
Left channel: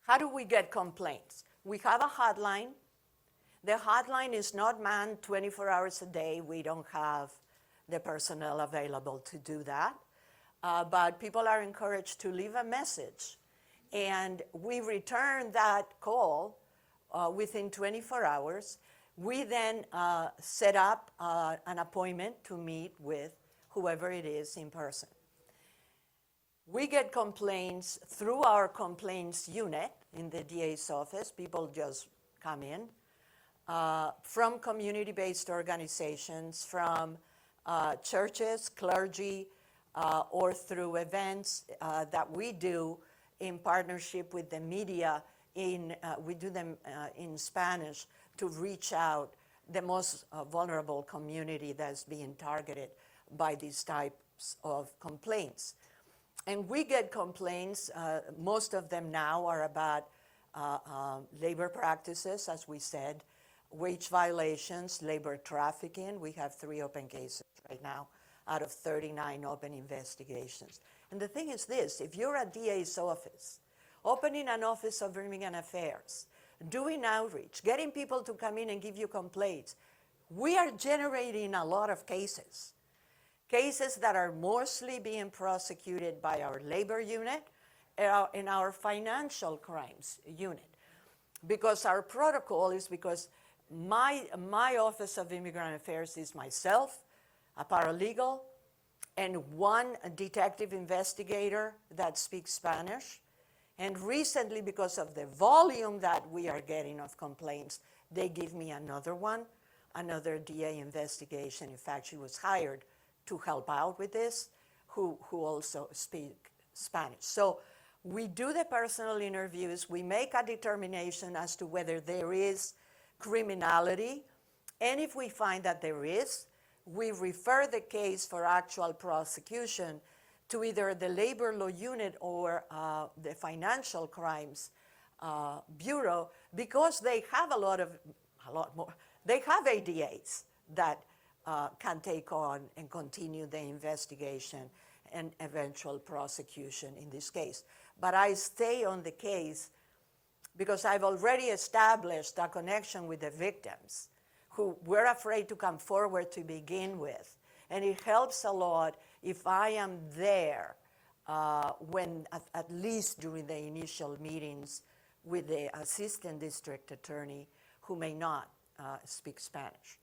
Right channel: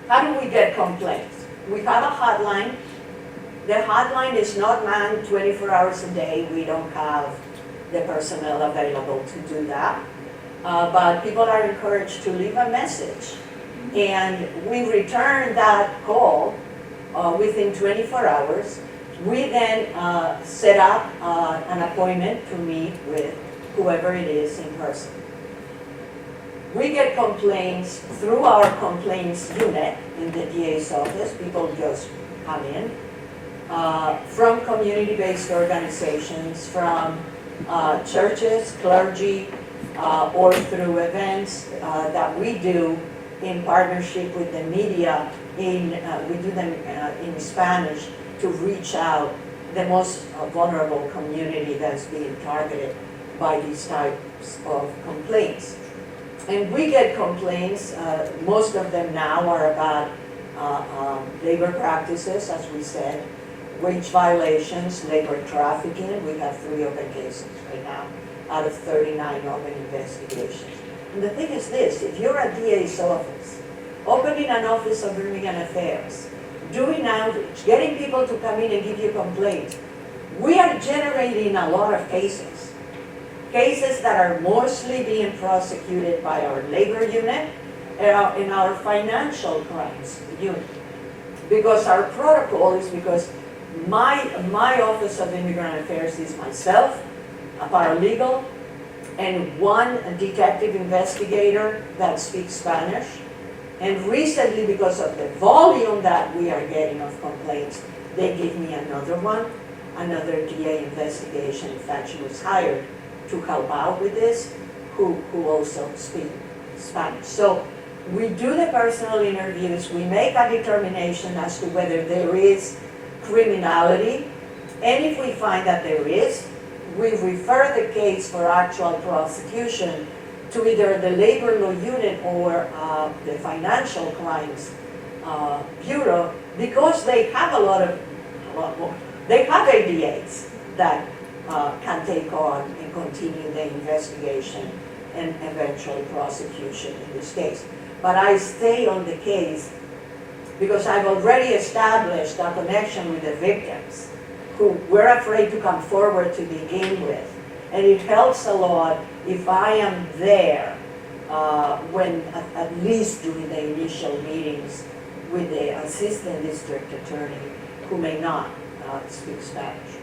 How do we get complaints? We have a hotline. The hotline is not manned 24 hours a day. We don't have the personnel available to do that. But people are encouraged to leave a message. And we return that call within 24 hours. We then set up an appointment to meet with whoever it is in person. We get complaints through our complaints unit in the DA's office. People just come in. From community-based organizations, from churches, clergy, or through events that we do in partnership with the media. We do them in Spanish to reach out the most vulnerable community that's being targeted by these types of complaints. And we get complaints, most of them now are about labor practices, as we said, wage violations, labor trafficking. We have 3 open cases right now out of 39 open investigations. And the thing is this, if you're a DA's office, opening an office of immigrant affairs, doing outreach, getting people to come in and give you complaints, we are generating a lot of cases. Cases that are mostly being prosecuted by our labor unit and our financial crimes unit. Because our protocol is because my Office of Immigrant Affairs is myself, a paralegal, and 1 detective investigator that speaks Spanish. And recently, because of the volume that we are getting of complaints, they give me another one, another DA investigation. In fact, she was hired to help out with this, who also speak Spanish. So we do the personal interviews, we make a determination as to whether there is criminality, and if we find that there is, we refer the case for actual prosecution to either the labor law unit or the financial crimes bureau, because they have a lot more. They have ADAs that can take on and continue the investigation and eventual prosecution in this case. But I stay on the case because I've already established a connection with the victims who were afraid to come forward to begin with. And it helps a lot if I am there when at least during the initial meetings with the assistant district attorney who may not speak Spanish.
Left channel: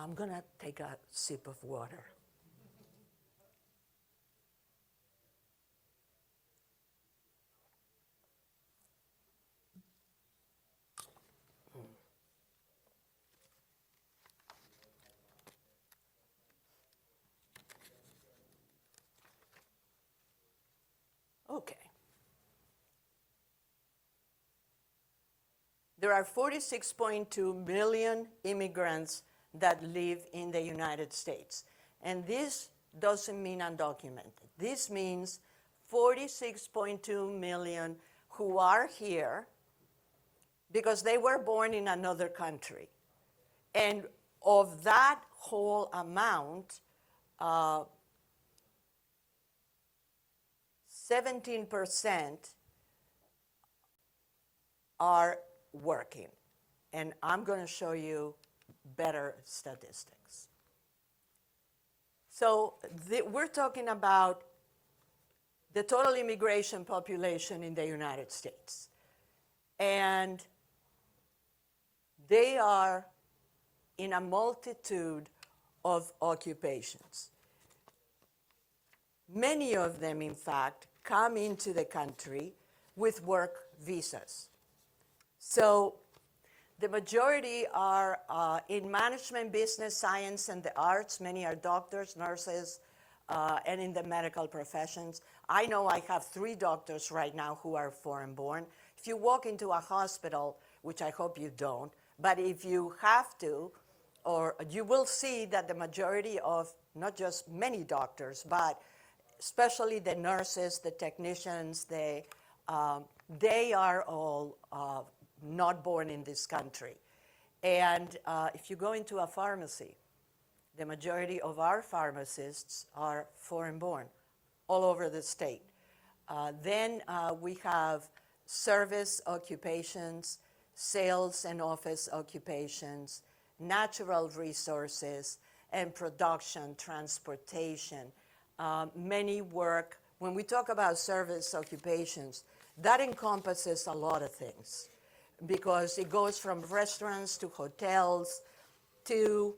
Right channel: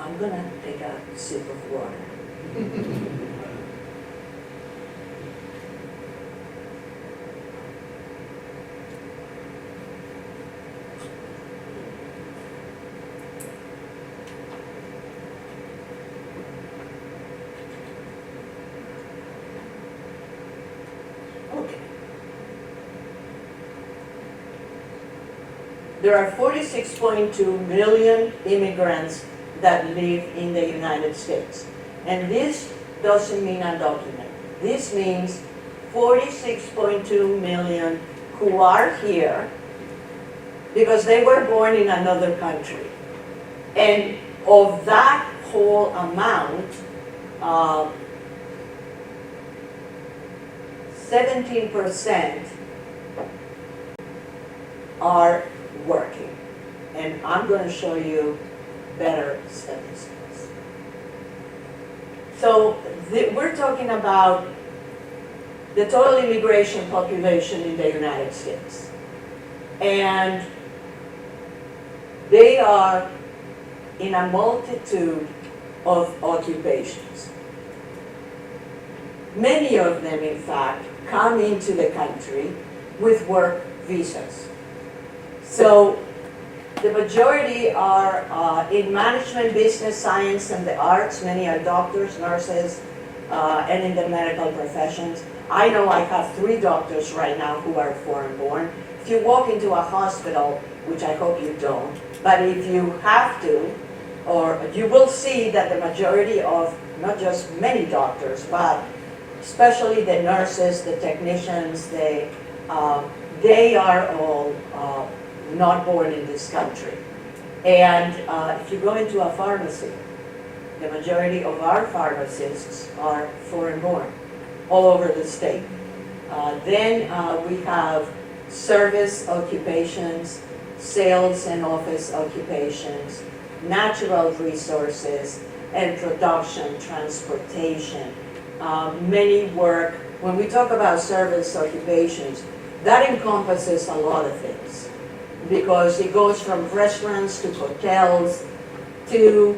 I'm gonna take a sip of water. Okay. There are 46.2 million immigrants that live in the United States. And this doesn't mean undocumented. This means 46.2 million who are here because they were born in another country. And of that whole amount, 17% are working. And I'm going to show you better statistics. So we're talking about the total immigration population in the United States. And they are in a multitude of occupations. Many of them, in fact, come into the country with work visas. So The majority are in management, business, science, and the arts. Many are doctors, nurses, and in the medical professions. I know I have 3 doctors right now who are foreign-born. If you walk into a hospital, which I hope you don't, but if you have to, or you will see that the majority of, not just many doctors, but especially the nurses, the technicians, they are all not born in this country. And if you go into a pharmacy, the majority of our pharmacists are foreign-born, all over the state. Then we have service occupations, sales and office occupations, natural resources, and production, transportation. Many work, when we talk about service occupations, that encompasses a lot of things, because it goes from restaurants to hotels to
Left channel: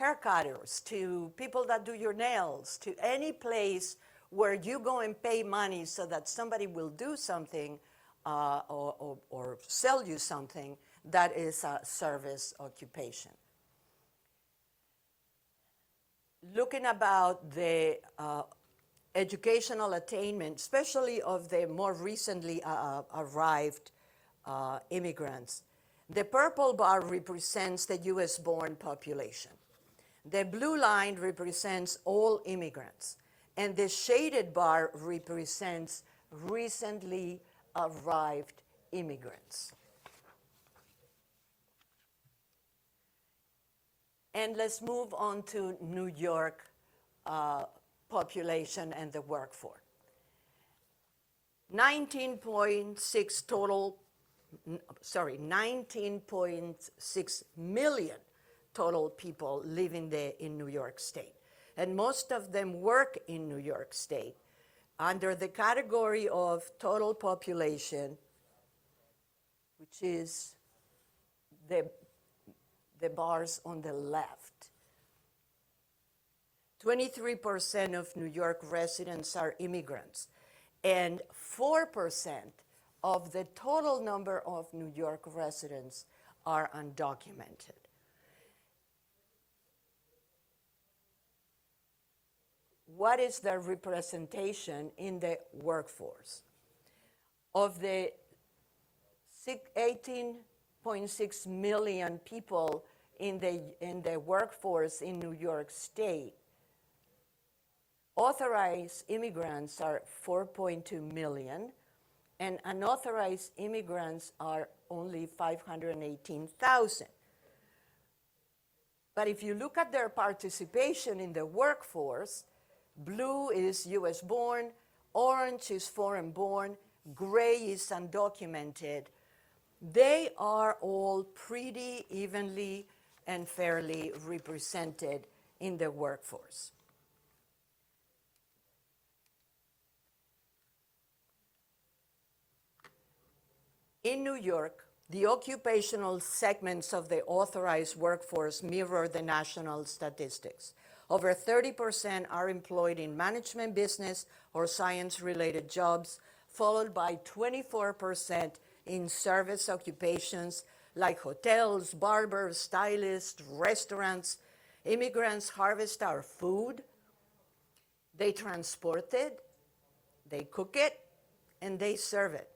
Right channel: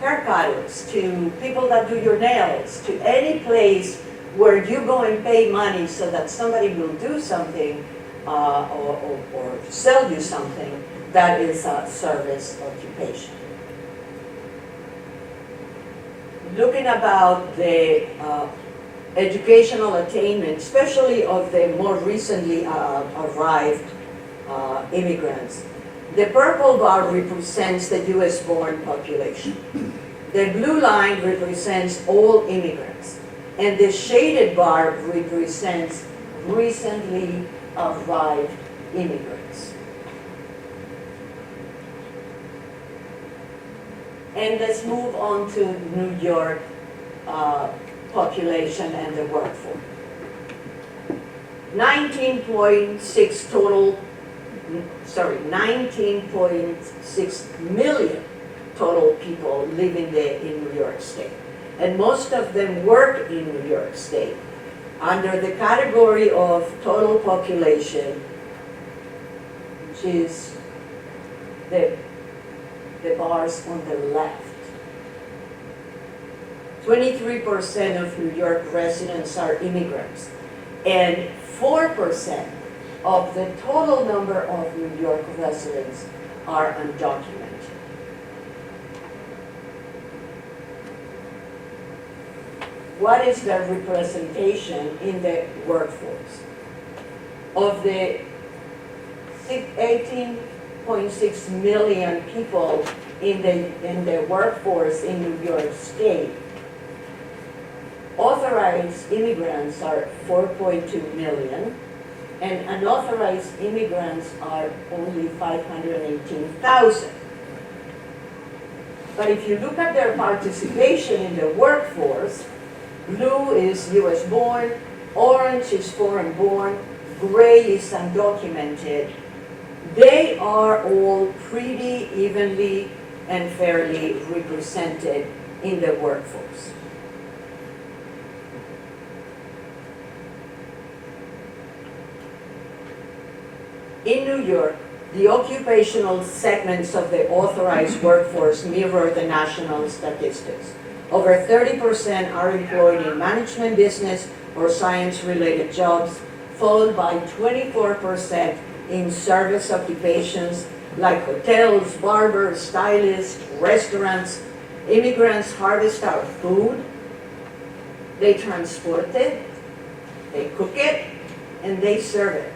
haircutters to people that do your nails to any place where you go and pay money so that somebody will do something or sell you something. That is a service occupation. Looking about the educational attainment, especially of the more recently arrived immigrants. The purple bar represents the US-born population. The blue line represents all immigrants. And the shaded bar represents recently arrived immigrants. And let's move on to New York population and the workforce. 19.6 million total people live in New York State. And most of them work in New York State. Under the category of total population, which is the bars on the left. 23% of New York residents are immigrants, and 4% of the total number of New York residents are undocumented. What is the representation in the workforce? Of the 18.6 million people in the workforce in New York State, authorized immigrants are 4.2 million, and unauthorized immigrants are only 518,000. But if you look at their participation in the workforce, blue is US born, orange is foreign born, gray is undocumented. They are all pretty evenly and fairly represented in the workforce. In New York, the occupational segments of the authorized workforce mirror the national statistics. Over 30% are employed in management, business, or science-related jobs, followed by 24% in service occupations like hotels, barbers, stylists, restaurants. Immigrants harvest our food, they transport it, they cook it, and they serve it.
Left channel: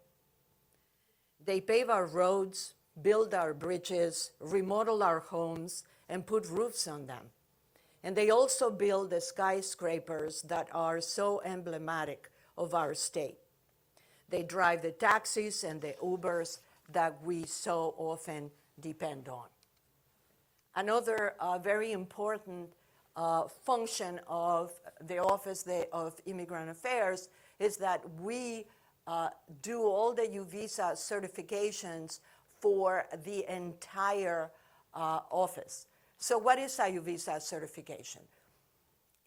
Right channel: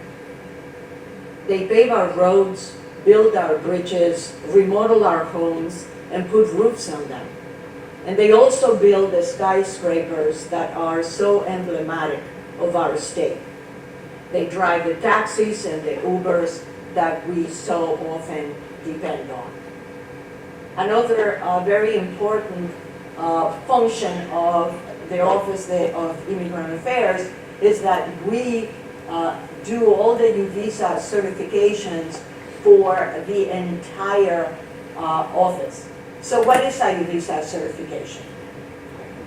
They pave our roads, build our bridges, remodel our homes, and put roofs on them. And they also build the skyscrapers that are so emblematic of our state. They drive the taxis and the Ubers that we so often depend on. Another very important function of the Office of Immigrant Affairs is that we do all the new visa certifications for the entire office. So what is a new visa certification?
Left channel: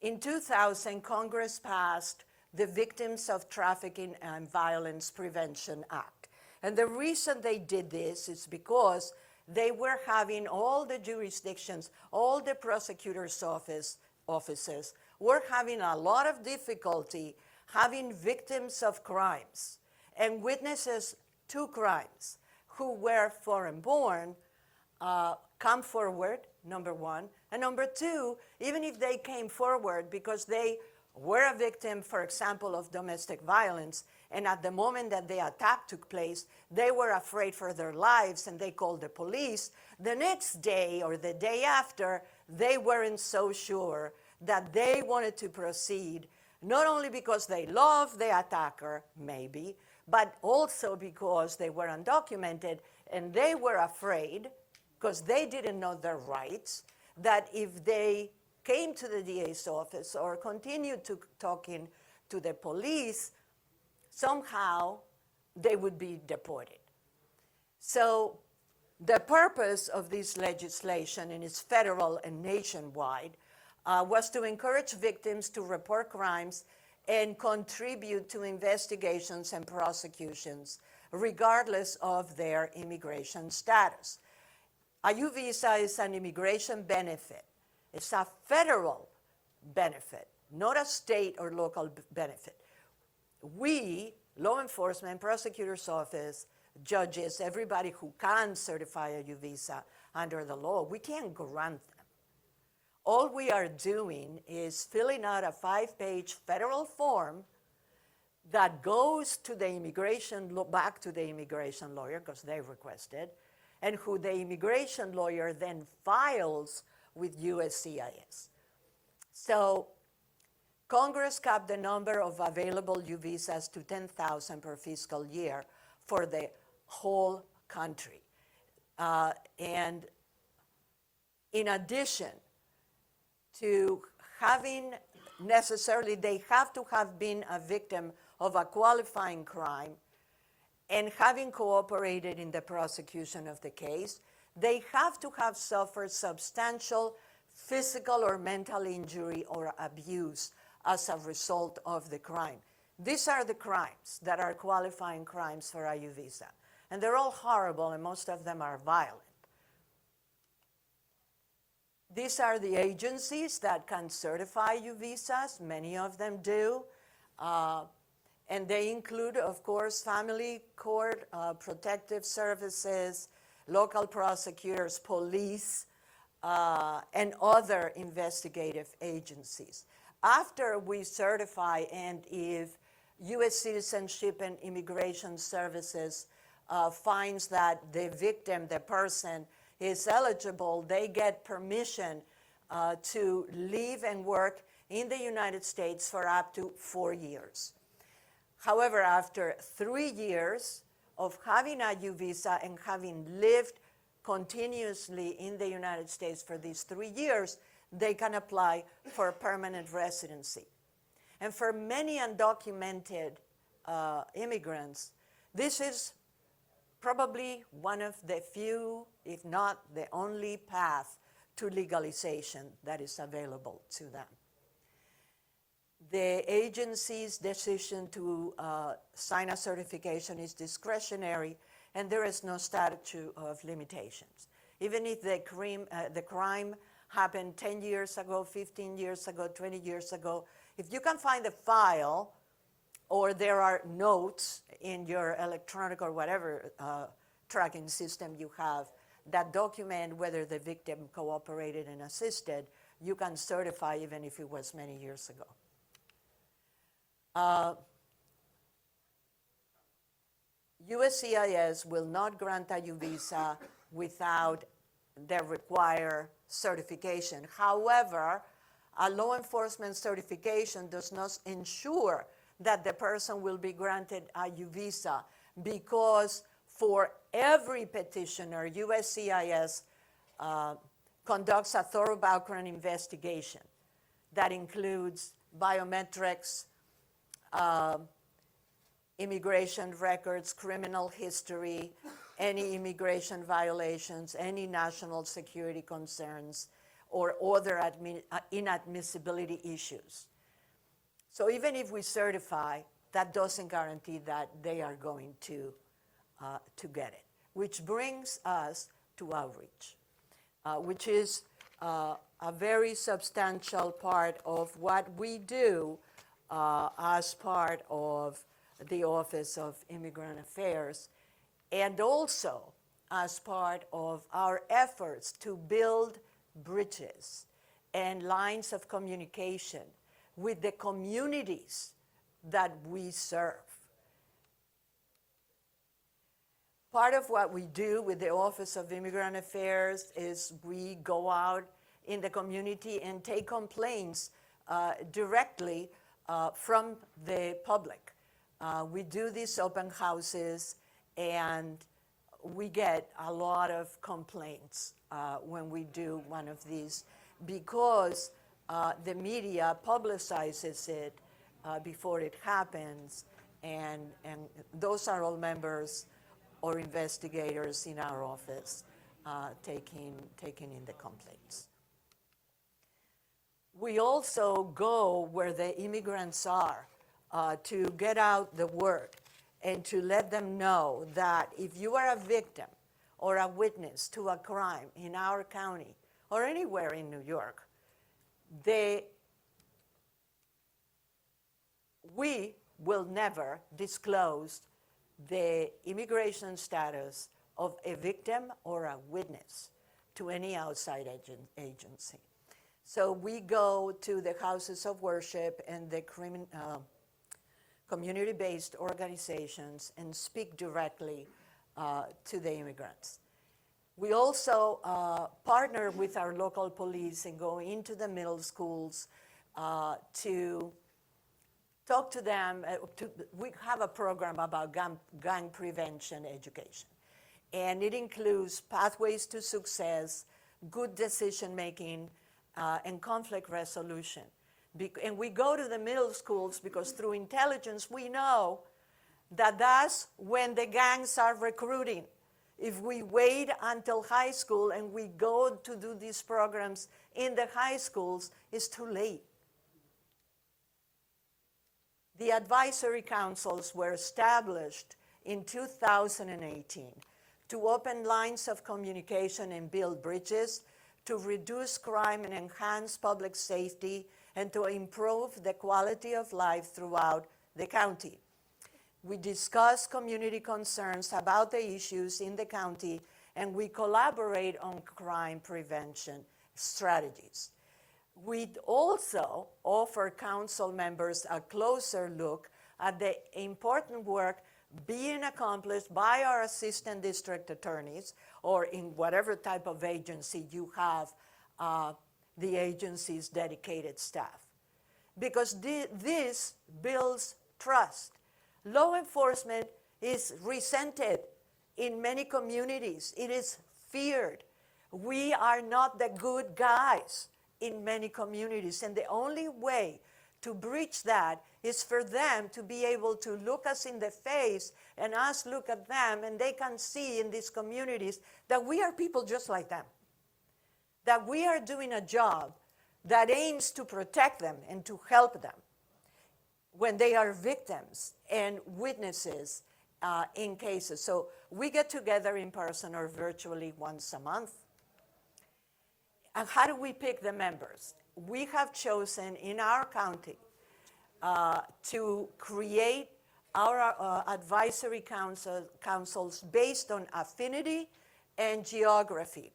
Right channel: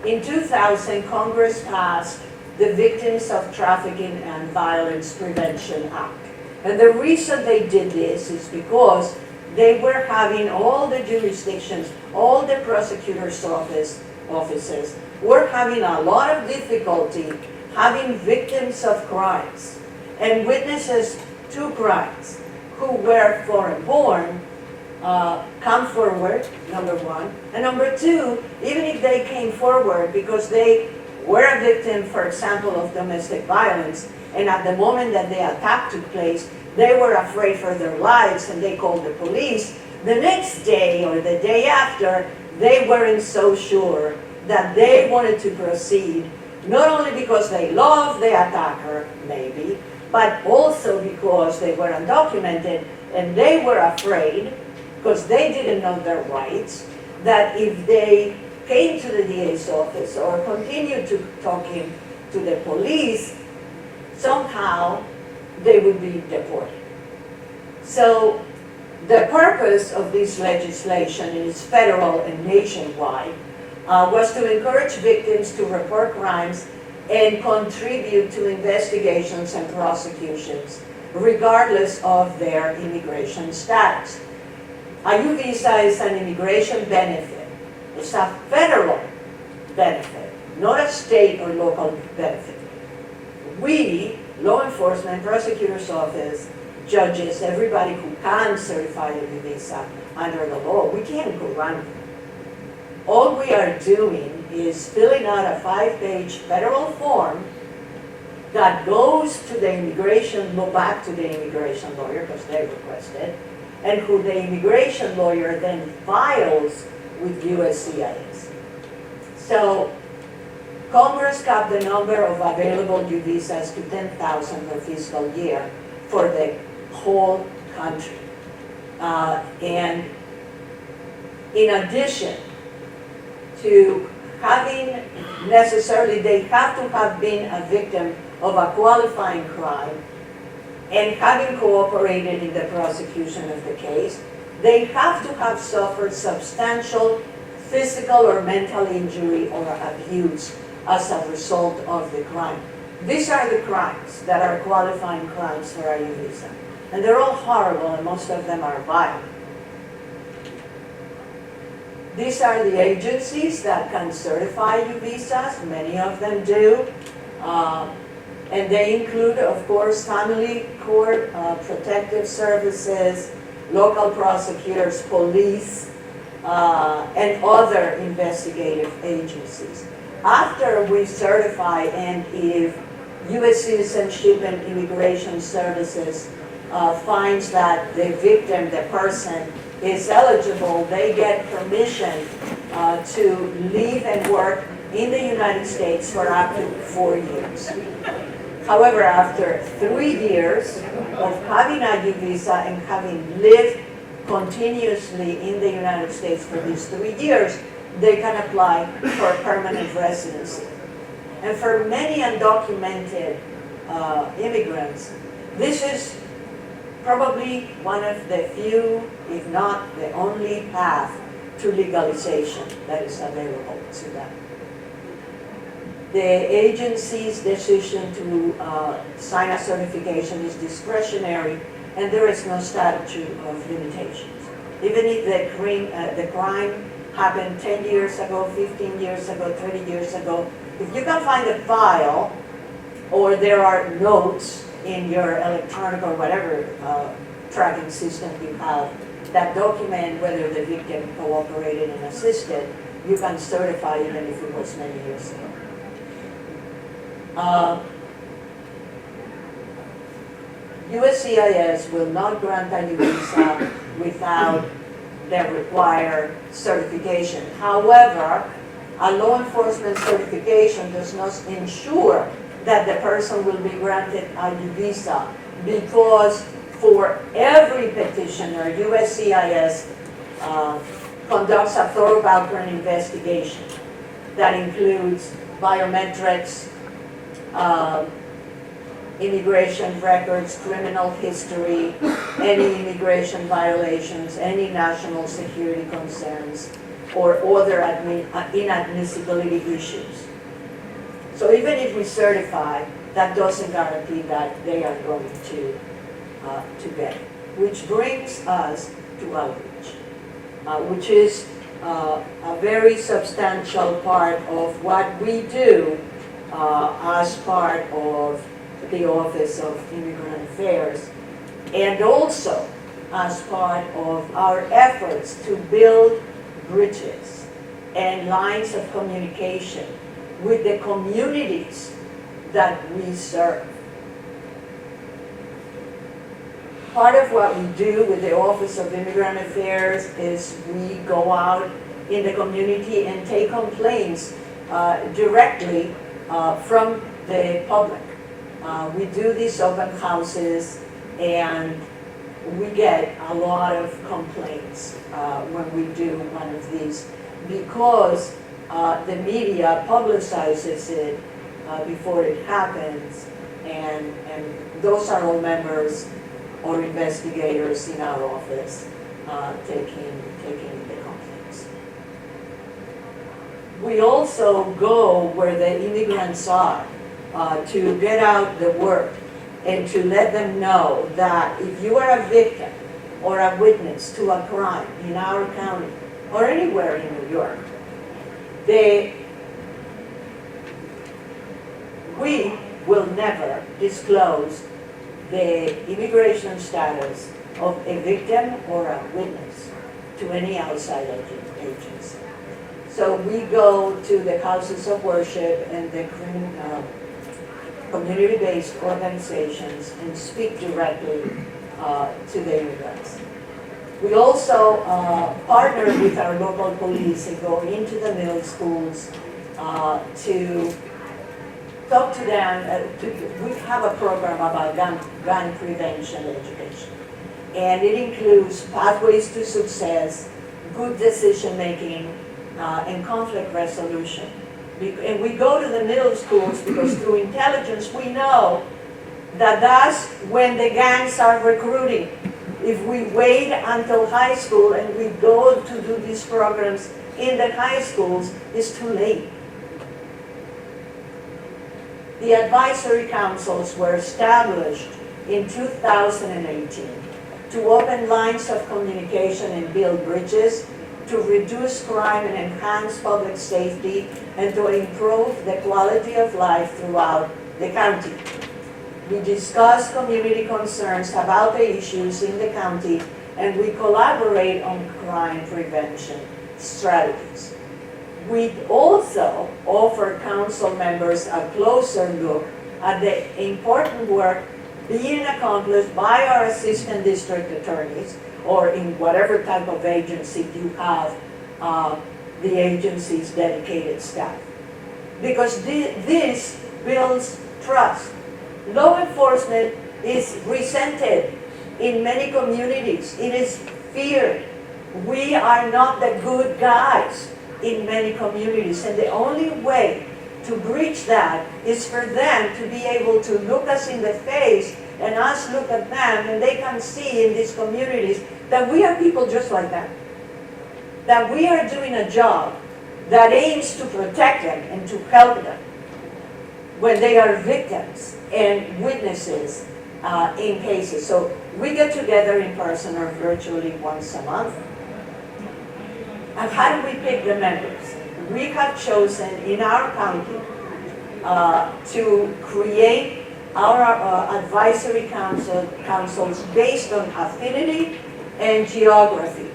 In 2000, Congress passed the Victims of Trafficking and Violence Prevention Act. And the reason they did this is because they were having all the jurisdictions, all the prosecutor's offices were having a lot of difficulty having victims of crimes and witnesses to crimes who were foreign born come forward, number one. And number two, even if they came forward because they were a victim, for example, of domestic violence, and at the moment that the attack took place, they were afraid for their lives and they called the police, the next day or the day after, they weren't so sure that they wanted to proceed, not only because they loved the attacker, maybe, but also because they were undocumented and they were afraid, because they didn't know their rights, that if they came to the DA's office or continued to talking to the police, somehow they would be deported. So the purpose of this legislation, and it's federal and nationwide, was to encourage victims to report crimes and contribute to investigations and prosecutions, regardless of their immigration status. A U visa is an immigration benefit. It's a federal benefit, not a state or local benefit. We, law enforcement, prosecutor's office, judges, everybody who can certify a U visa under the law, we can't go run. All we are doing is filling out a 5-page federal form that goes to the immigration, back to the immigration lawyer, because they requested, and who the immigration lawyer then files with USCIS. So Congress capped the number of available U visas to 10,000 per fiscal year for the whole country. And in addition to having necessarily, they have to have been a victim of a qualifying crime and having cooperated in the prosecution of the case, they have to have suffered substantial physical or mental injury or abuse as a result of the crime. These are the crimes that are qualifying crimes for a U visa. And they're all horrible, and most of them are violent. These are the agencies that can certify U visas. Many of them do. And they include, of course, family court, protective services, local prosecutors, police, and other investigative agencies. After we certify, and if U.S. Citizenship and Immigration Services finds that the victim, the person, is eligible, they get permission to live and work in the United States for up to 4 years. However, after 3 years of having a U visa and having lived continuously in the United States for these 3 years, they can apply for permanent residency. And for many undocumented immigrants, this is probably one of the few, if not the only path to legalization that is available to them. The agency's decision to sign a certification is discretionary, and there is no statute of limitations. Even if the crime happened 10 years ago, 15 years ago, 30 years ago, if you can find a file, or there are notes in your electronic or whatever tracking system you have that document whether the victim cooperated and assisted, you can certify even if it was many years ago. USCIS will not grant a U visa without the required certification. However, a law enforcement certification does not ensure that the person will be granted a U visa, because for every petitioner, USCIS conducts a thorough background investigation that includes biometrics, immigration records, criminal history, any immigration violations, any national security concerns, or other inadmissibility issues. So even if we certify, that doesn't guarantee that they are going to get it. Which brings us to outreach, which is a very substantial part of what we do as part of the Office of Immigrant Affairs, and also as part of our efforts to build bridges and lines of communication with the communities that we serve. Part of what we do with the Office of Immigrant Affairs is we go out in the community and take complaints directly from the public. We do these open houses and we get a lot of complaints when we do one of these because the media publicizes it before it happens, and those are all members or investigators in our office taking the complaints. We also go where the immigrants are to get out the word and to let them know that if you are a victim or a witness to a crime in our county or anywhere in New York, we will never disclose the immigration status of a victim or a witness to any outside agency. So we go to the houses of worship and the community-based organizations and speak directly to the immigrants. We also partner with our local police and go into the middle schools to talk to them. We have a program about gun prevention education. And it includes pathways to success, good decision making, and conflict resolution. And we go to the middle schools because through intelligence we know that that's when the gangs are recruiting. If we wait until high school and we go to do these programs in the high schools, it's too late. The advisory councils were established in 2018 to open lines of communication and build bridges, to reduce crime and enhance public safety, and to improve the quality of life throughout the county. We discuss community concerns about the issues in the county, and we collaborate on crime prevention strategies. We also offer council members a closer look at the important work being accomplished by our assistant district attorneys, or in whatever type of agency you have, the agency's dedicated staff. Because this builds trust. Law enforcement is resented in many communities. It is feared. We are not the good guys in many communities, and the only way to breach that is for them to be able to look us in the face and us look at them, and they can see in these communities that we are people just like them, that we are doing a job that aims to protect them and to help them when they are victims and witnesses in cases. So we get together in person or virtually once a month. And how do we pick the members? We have chosen in our county to create our advisory councils based on affinity and geography.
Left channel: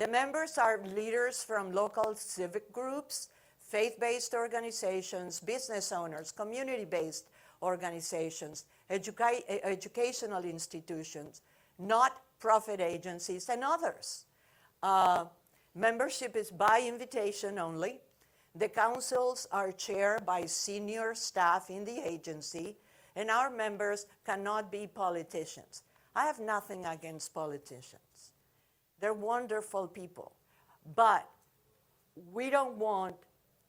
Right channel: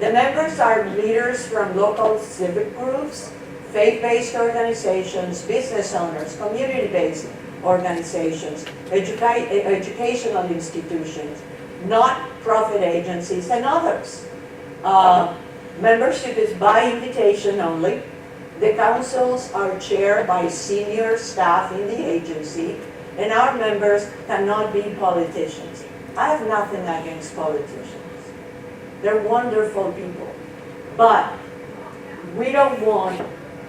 The members are leaders from local civic groups, faith-based organizations, business owners, community-based organizations, educational institutions, not-profit agencies, and others. Membership is by invitation only. The councils are chaired by senior staff in the agency, and our members cannot be politicians. I have nothing against politicians. They're wonderful people. But we don't want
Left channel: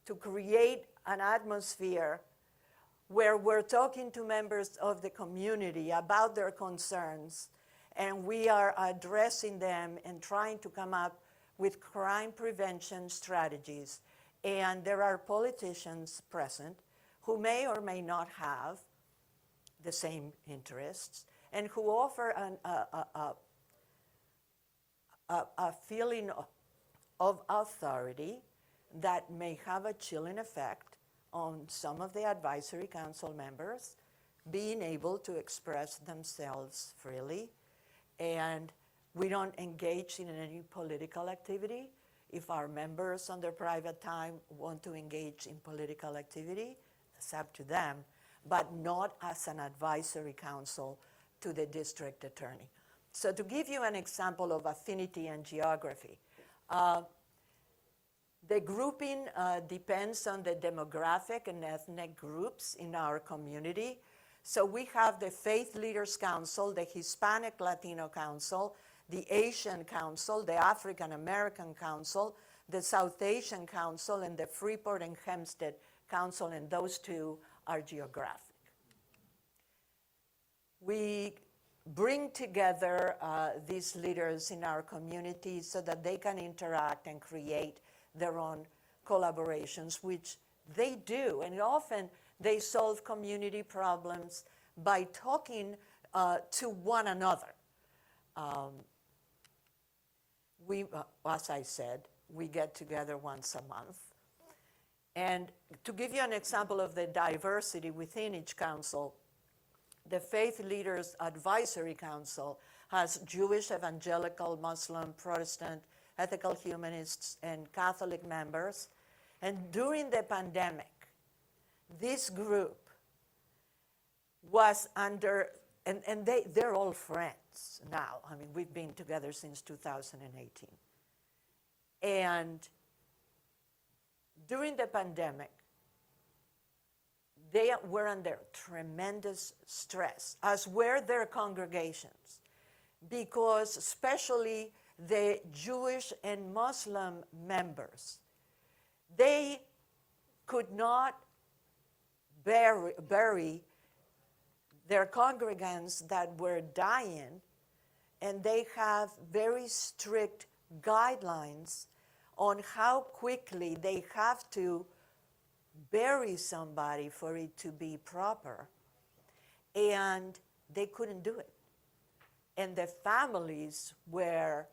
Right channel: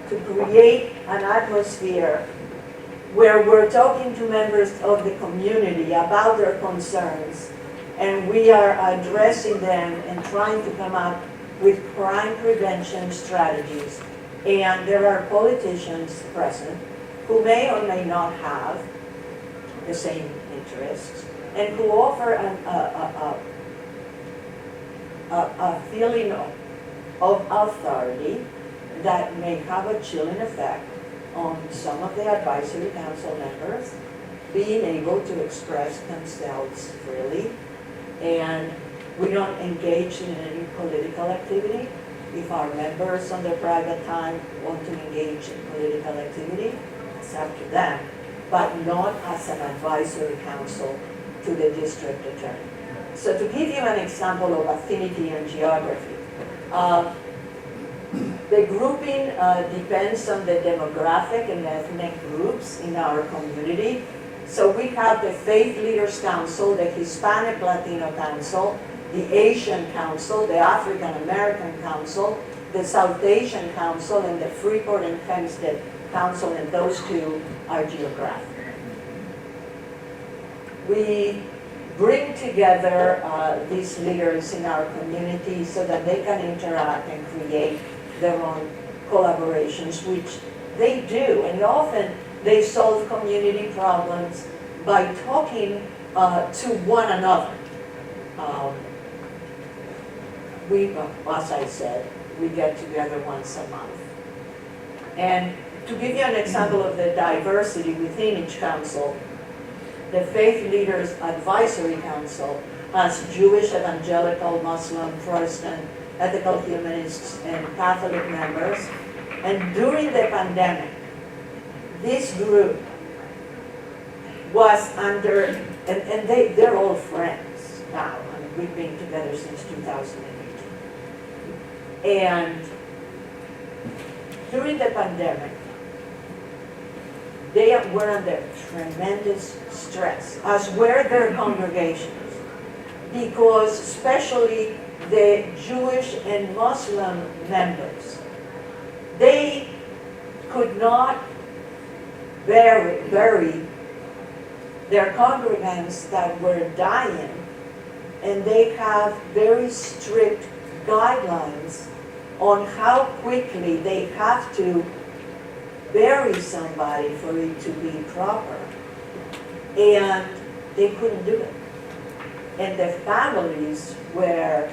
to create an atmosphere where we're talking to members of the community about their concerns, and we are addressing them and trying to come up with crime prevention strategies. And there are politicians present who may or may not have the same interests, and who offer a feeling of authority that may have a chilling effect on some of the advisory council members being able to express themselves freely. And We don't engage in any political activity. If our members on their private time want to engage in political activity, it's up to them, but not as an advisory council to the district attorney. So to give you an example of affinity and geography, the grouping depends on the demographic and ethnic groups in our community. So we have the Faith Leaders Council, the Hispanic Latino Council, the Asian Council, the African American Council, the South Asian Council, and the Freeport and Hempstead Council, and those two are geographic. We bring together these leaders in our community so that they can interact and create their own collaborations, which they do, and often they solve community problems by talking to one another. As I said, we get together once a month. And to give you an example of the diversity within each council, the Faith Leaders Advisory Council has Jewish, evangelical, Muslim, Protestant, ethical humanists, and Catholic members. And during the pandemic, this group was under, and they're all friends now. I mean, we've been together since 2008. And during the pandemic, they were under tremendous stress, as were their congregations, because especially the Jewish and Muslim members, they could not bury their congregants that were dying, and they have very strict guidelines on how quickly they have to bury somebody for it to be proper. And they couldn't do it. And the families were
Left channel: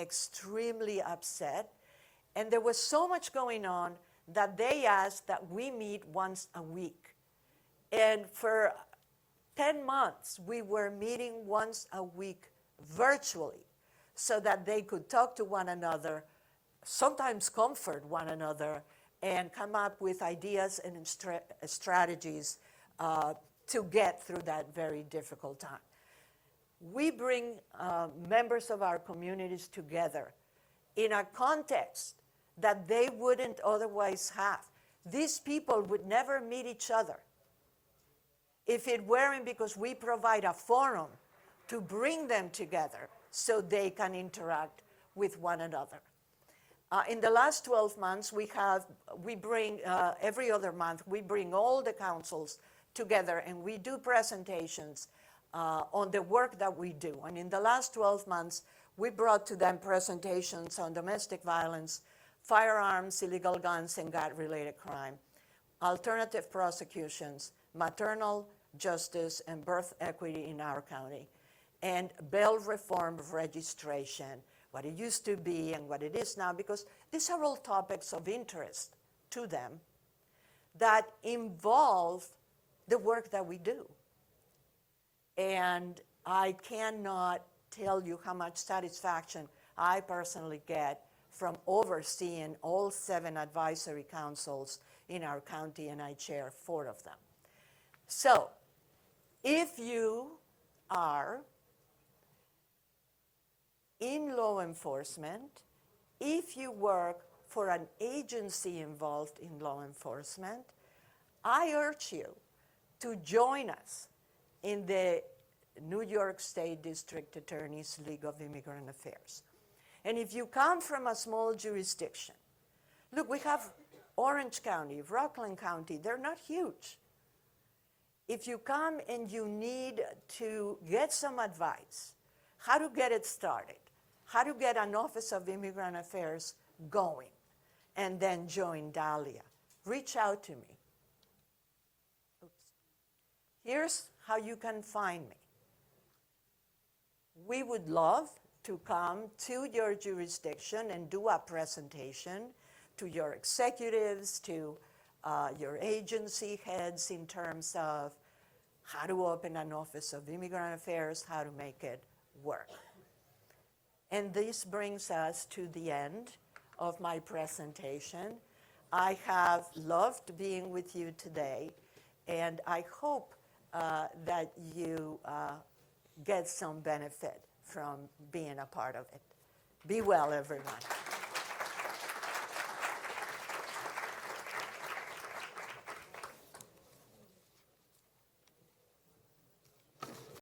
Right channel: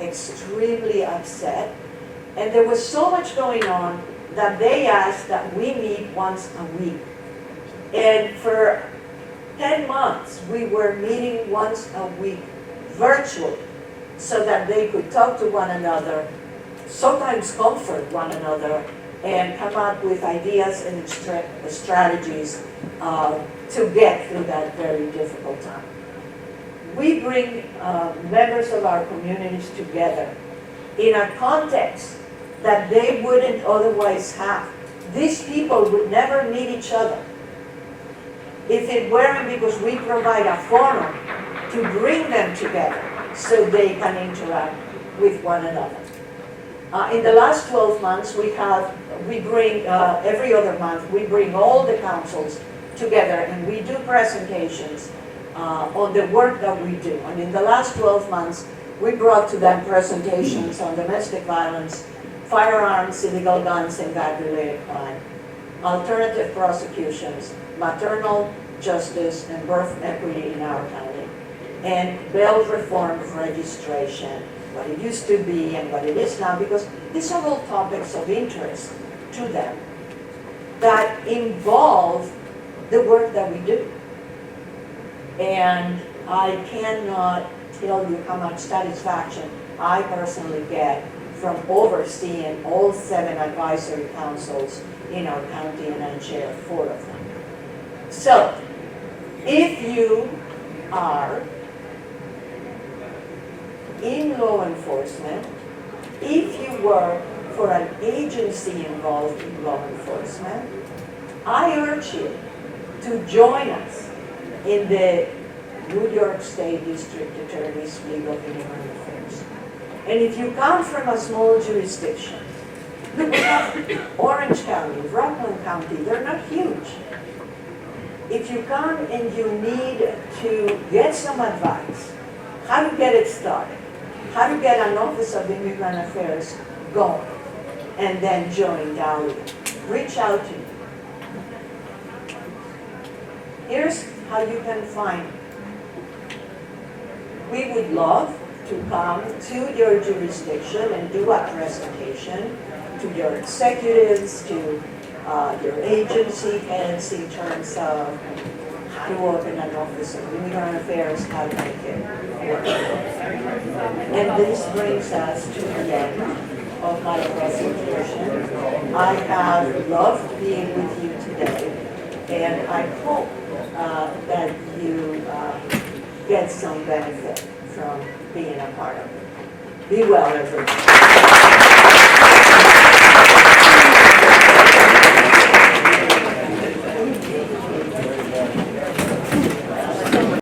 extremely upset. And there was so much going on that they asked that we meet once a week. And for 10 months, we were meeting once a week virtually so that they could talk to one another, sometimes comfort one another, and come up with ideas and strategies to get through that very difficult time. We bring members of our communities together in a context that they wouldn't otherwise have. These people would never meet each other if it weren't because we provide a forum to bring them together so they can interact with one another. In the last 12 months, we bring, every other month, we bring all the councils together and we do presentations on the work that we do. And in the last 12 months, we brought to them presentations on domestic violence, firearms, illegal guns, and gun-related crime, alternative prosecutions, maternal justice, and birth equity in our county, and bail reform of registration, what it used to be and what it is now, because these are all topics of interest to them that involve the work that we do. And I cannot tell you how much satisfaction I personally get from overseeing all 7 advisory councils in our county, and I chair 4 of them. So, if you are in law enforcement, if you work for an agency involved in law enforcement, I urge you to join us in the New York State District Attorney's League of Immigrant Affairs. And if you come from a small jurisdiction, we have Orange County, Rockland County, they're not huge. If you come and you need to get some advice, how to get it started, how to get an Office of Immigrant Affairs going, and then join Dahlia, reach out to me. Here's how you can find me. We would love to come to your jurisdiction and do a presentation to your executives, to your agency heads in terms of to work in an office of immigrant affairs, how to make it work. And this brings us to the end of my presentation. I have loved being with you today, and I hope that you get some benefit from being a part of it. Be well, everyone.